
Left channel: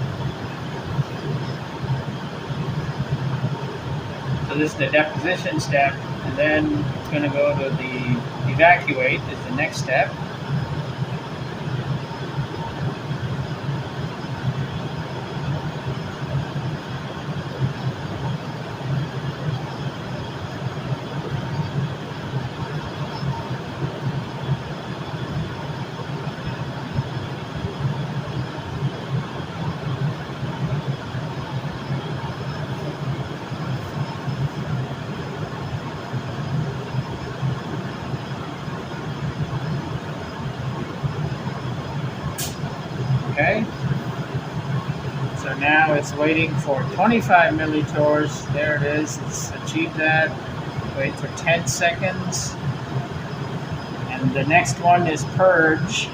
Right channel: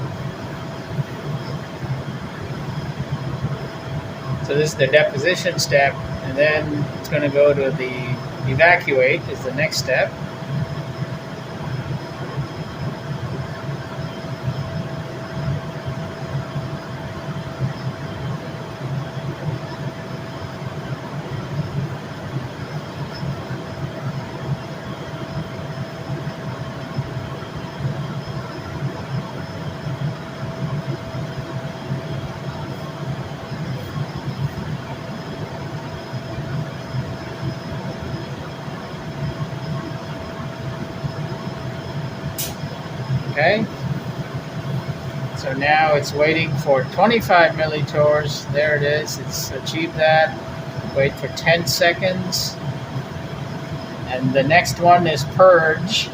So this is the deposition step, and then it's going to go to the evacuate is the next step. Okay, so now it's waiting for 25 millitors. There it is, it's achieved that. Wait for 10 seconds. And the next one is purge.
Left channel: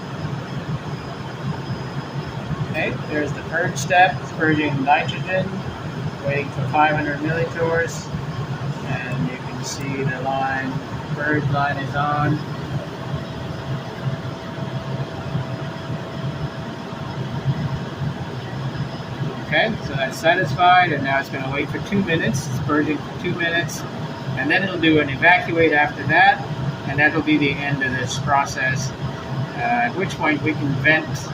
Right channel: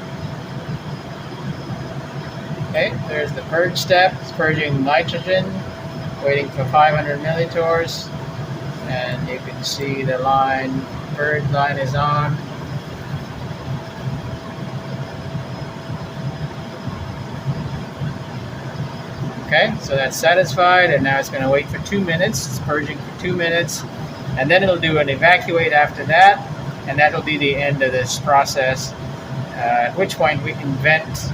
Okay, there's the purge step. It's purging nitrogen, waiting for 500 millitors. And you can see the line, purge line is on. Okay, so that's satisfied, and now it's going to wait for 2 minutes. It's purging for 2 minutes, and then it'll do an evacuate after that, and that'll be the end of this process, at which point we can vent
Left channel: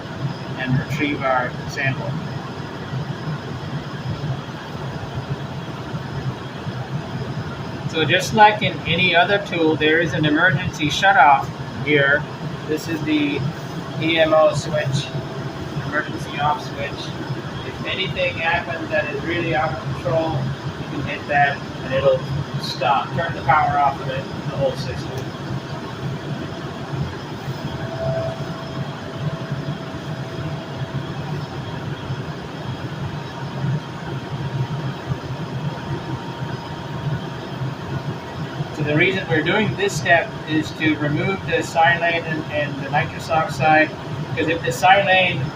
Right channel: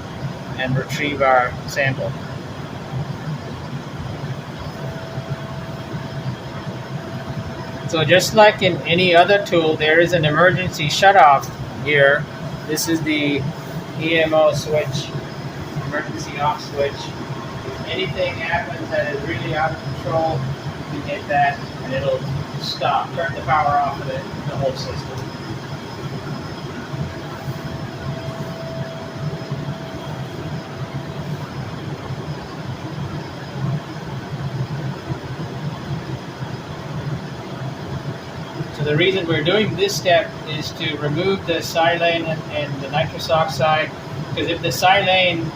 and retrieve our sample. So just like in any other tool, there is an emergency shutoff here. This is the EMO switch, emergency off switch. If anything happens that is really out of control, you can hit that and it'll stop, turn the power off of the whole system. So the reason we're doing this step is to remove the silane and the nitrous oxide, because if the silane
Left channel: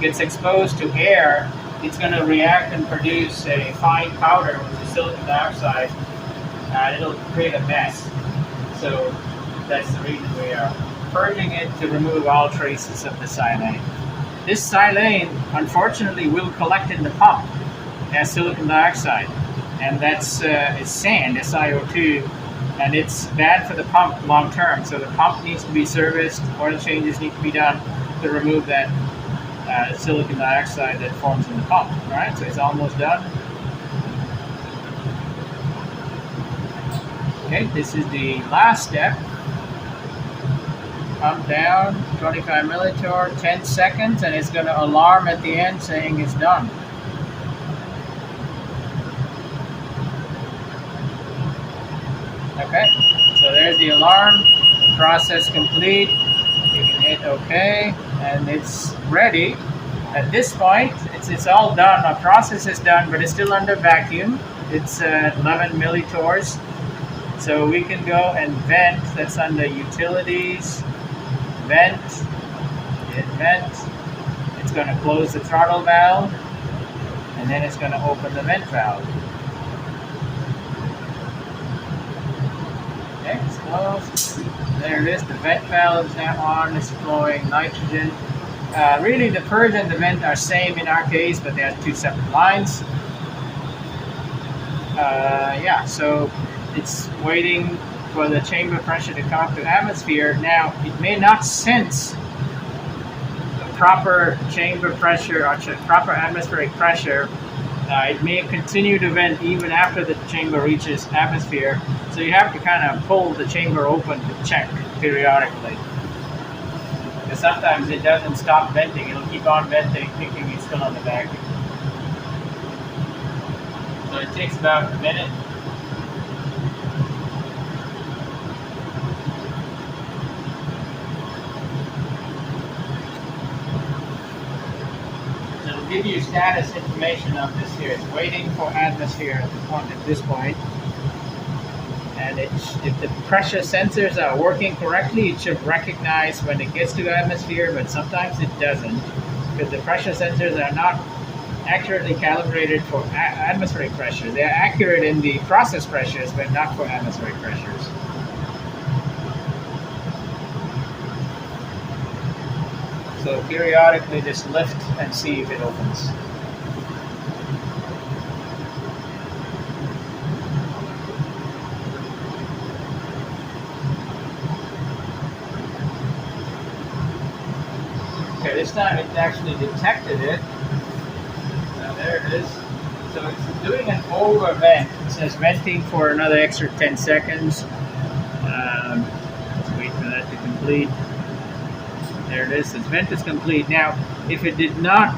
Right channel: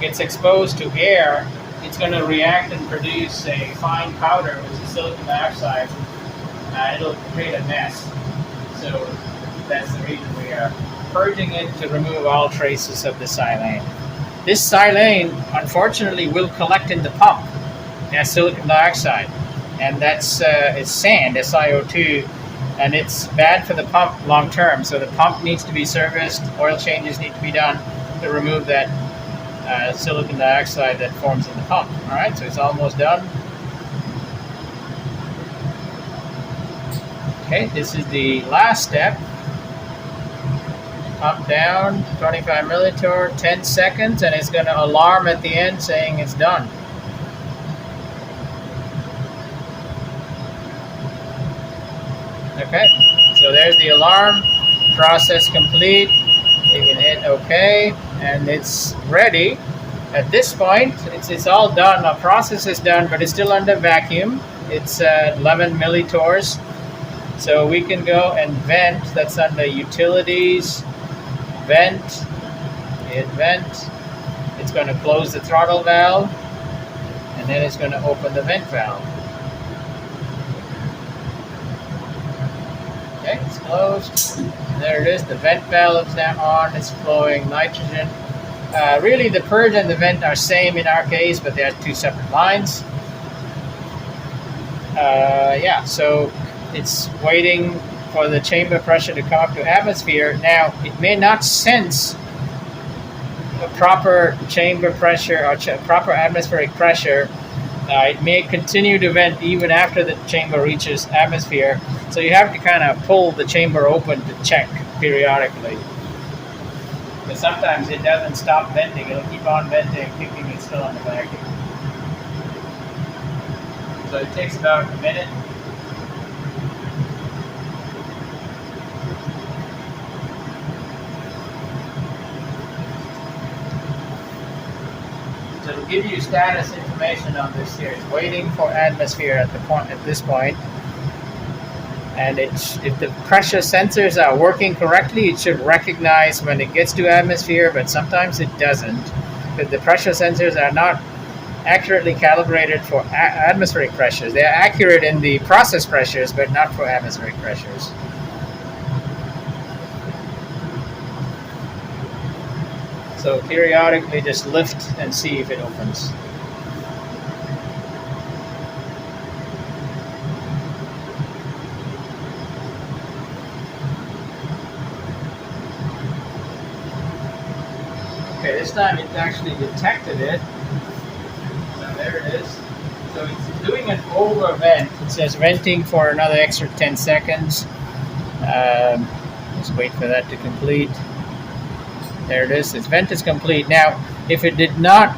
gets exposed to air, it's going to react and produce a fine powder, which is silicon dioxide, and it'll create a mess. So that's the reason we are purging it to remove all traces of the silane. This silane, unfortunately, will collect in the pump as silicon dioxide, and that's it's sand, SiO2, and it's bad for the pump long term. So the pump needs to be serviced, oil changes need to be done to remove that silicon dioxide that forms in the pump. All right, so it's almost done. Okay, this is the last step. Pump down, 25 millitorr, 10 seconds, and it's going to alarm at the end saying it's done. Okay, so there's the alarm. Process complete. You can hit OK, and it's ready. At this point, it's all done. Our process is done, but it's still under vacuum. It's at 11 millitorrs. So we can go and vent. That's under Utilities. Vent. Hit vent. It's going to close the throttle valve, and then it's going to open the vent valve. Okay, it's closed. There it is. The vent valve is now on. It's flowing nitrogen. Really, the purge and the vent are same in our case, but they are two separate lines. Yeah, so it's waiting for the chamber pressure to come up to atmosphere. Now, it may not sense a proper chamber pressure or proper atmospheric pressure. It may continue to vent even after the chamber reaches atmosphere. So you have to kind of pull the chamber open to check periodically. Because sometimes it doesn't stop venting. It'll keep on venting, thinking it's still on the vacuum. So it takes about a minute. So it'll give you status information on this here. It's waiting for atmosphere at this point. And if the pressure sensors are working correctly, it should recognize when it gets to atmosphere, but sometimes it doesn't, because the pressure sensors are not accurately calibrated for atmospheric pressures. They are accurate in the process pressures, but not for atmospheric pressures. So periodically just lift and see if it opens. Okay, this time it actually detected it. So there it is. So it's doing an over vent. It says venting for another extra 10 seconds. Let's wait for that to complete. There it is. Its vent is complete. Now, if it did not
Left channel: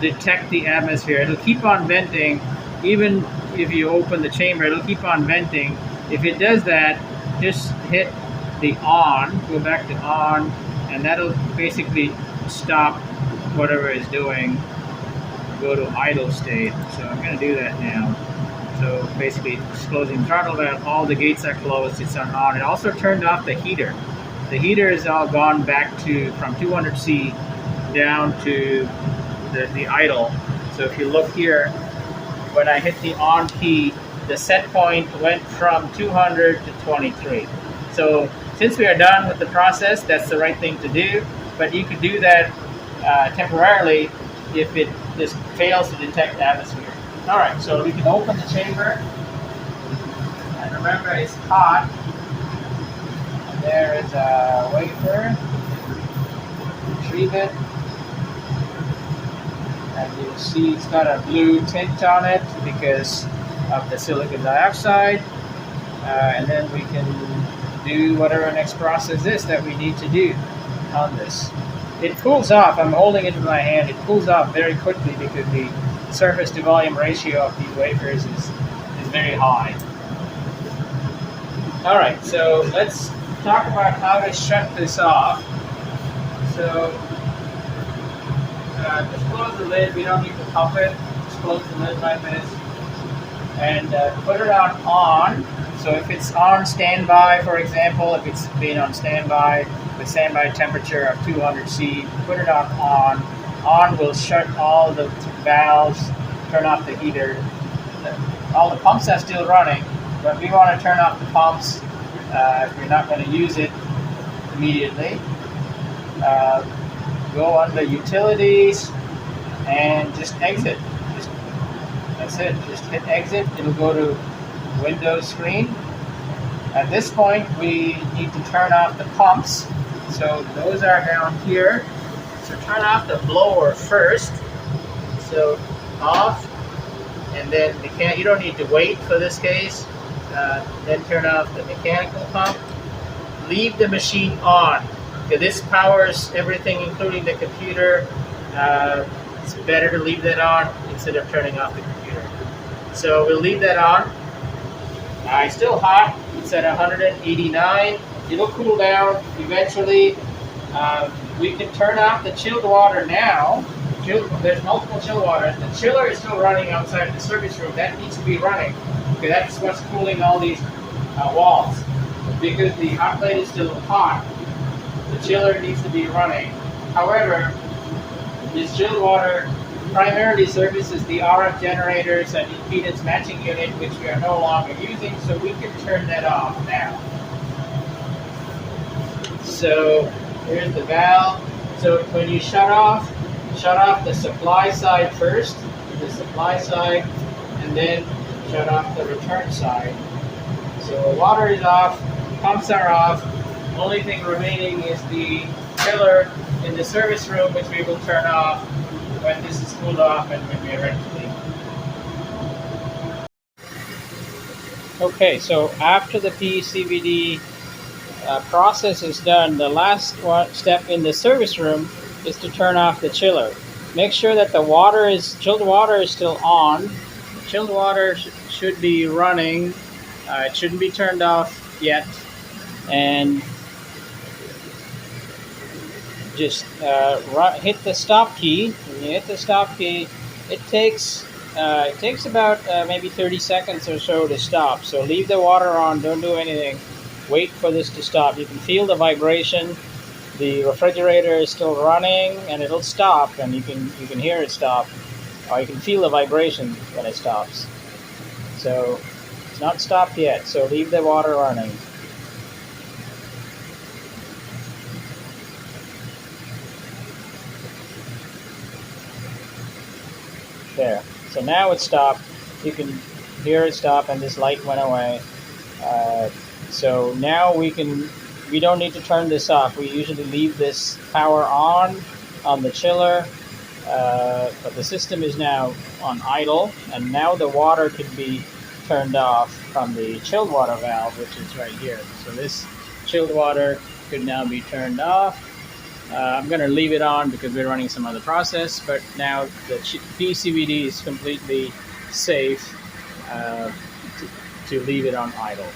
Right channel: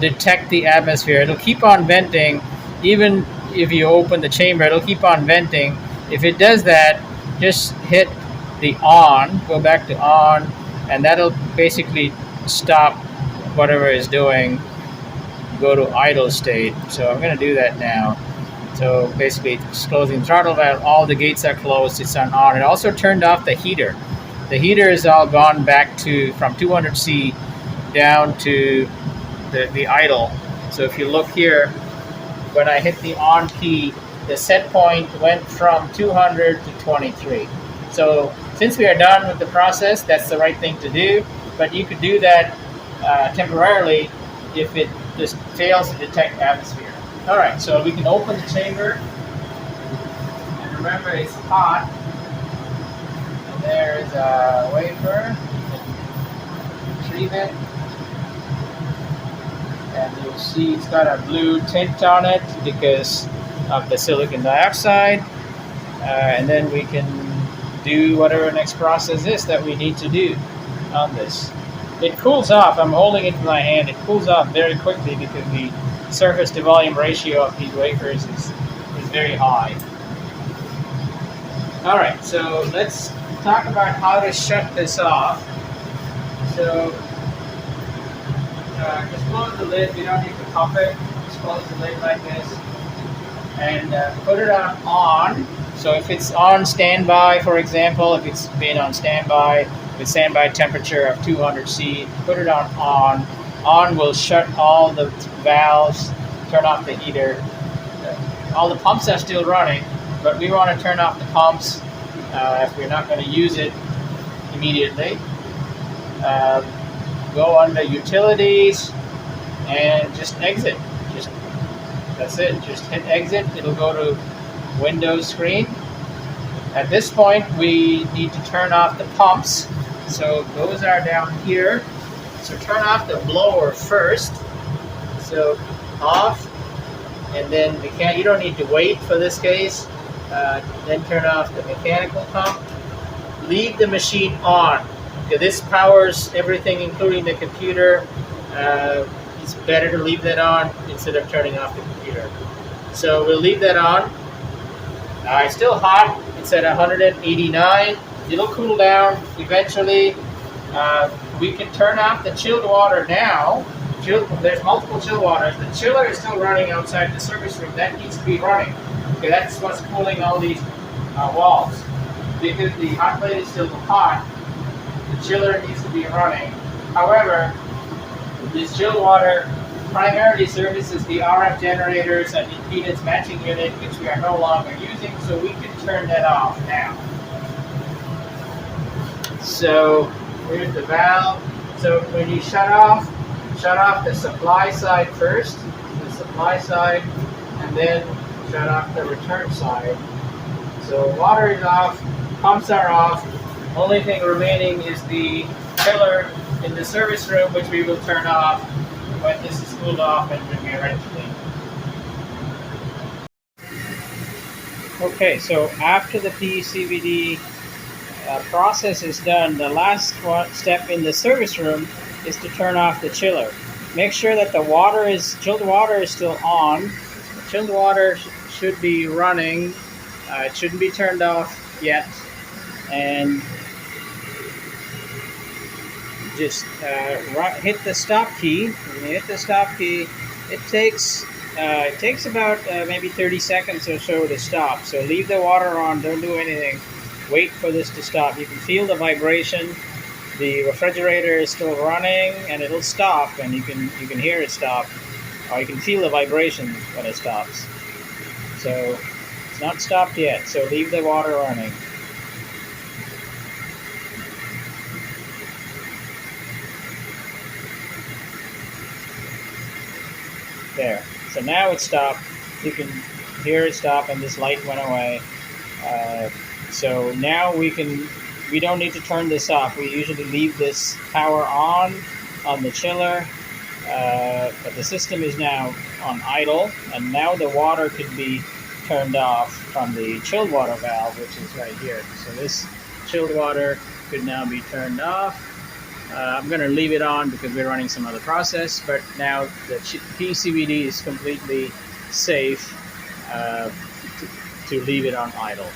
detect the atmosphere, it'll keep on venting. Even if you open the chamber, it'll keep on venting. If it does that, just hit the on, go back to on, and that'll basically stop whatever it's doing, go to idle state. So I'm going to do that now. So basically it's closing the throttle valve, all the gates are closed, it's on. It also turned off the heater. The heater is all gone back to from 200C down to the idle. So if you look here, when I hit the on key, the set point went from 200 to 23. So since we are done with the process, that's the right thing to do. But you could do that temporarily if it just fails to detect atmosphere. All right, so we can open the chamber. And remember, it's hot. And there is a wafer. Retrieve it. And you'll see it's got a blue tint on it because of the silicon dioxide. And then we can do whatever next process is that we need to do on this. It cools off. I'm holding it in my hand. It cools off very quickly because the surface to volume ratio of these wafers is very high. All right, so let's talk about how to shut this off. So just close the lid. We don't need to pump it. Just close the lid like this and put it on. So if it's on standby, for example, if it's been on standby with standby temperature of 200C, put it on. On will shut all the valves, turn off the heater. All the pumps are still running, but we want to turn off the pumps if we're not going to use it immediately. Go under utilities and just exit. That's it. Just hit exit. It'll go to Windows screen. At this point, we need to turn off the pumps. So those are down here. So turn off the blower first. So off, and then you don't need to wait for this case. Then turn off the mechanical pump. Leave the machine on. Okay, this powers everything, including the computer. It's better to leave that on instead of turning off the computer. So we'll leave that on. It's still hot. It's at 189. It'll cool down eventually. We can turn off the chilled water now. There's multiple chill waters. The chiller is still running outside the service room. That needs to be running. Okay, that's what's cooling all these walls. Because the hot plate is still hot, the chiller needs to be running. However, this chilled water primarily services the RF generators and impedance matching unit, which we are no longer using, so we can turn that off now. So here's the valve. So when you shut off the supply side first, and then shut off the return side. So water is off, pumps are off. Only thing remaining is the chiller in the service room, which we will turn off when this is cooled off and when we are ready to leave. Okay, so after the Pecvd process is done, the last step in the service room is to turn off the chiller. Make sure that the chilled water is still on. The chilled water should be running. It shouldn't be turned off yet. And just hit the stop key. When you hit the stop key, it takes about maybe 30 seconds or so to stop. So leave the water on. Don't do anything. Wait for this to stop. You can feel the vibration. The refrigerator is still running, and it'll stop, and you can hear it stop, or you can feel the vibration when it stops. So it's not stopped yet. So leave the water running. There. So now it's stopped. You can hear it stop, and this light went away. So now we don't need to turn this off. We usually leave this power on the chiller, but the system is now on idle, and now the water could be turned off from the chilled water valve, which is right here. So this chilled water could now be turned off. I'm going to leave it on because we're running some other process, but now the Pecvd is completely safe to leave it on idle.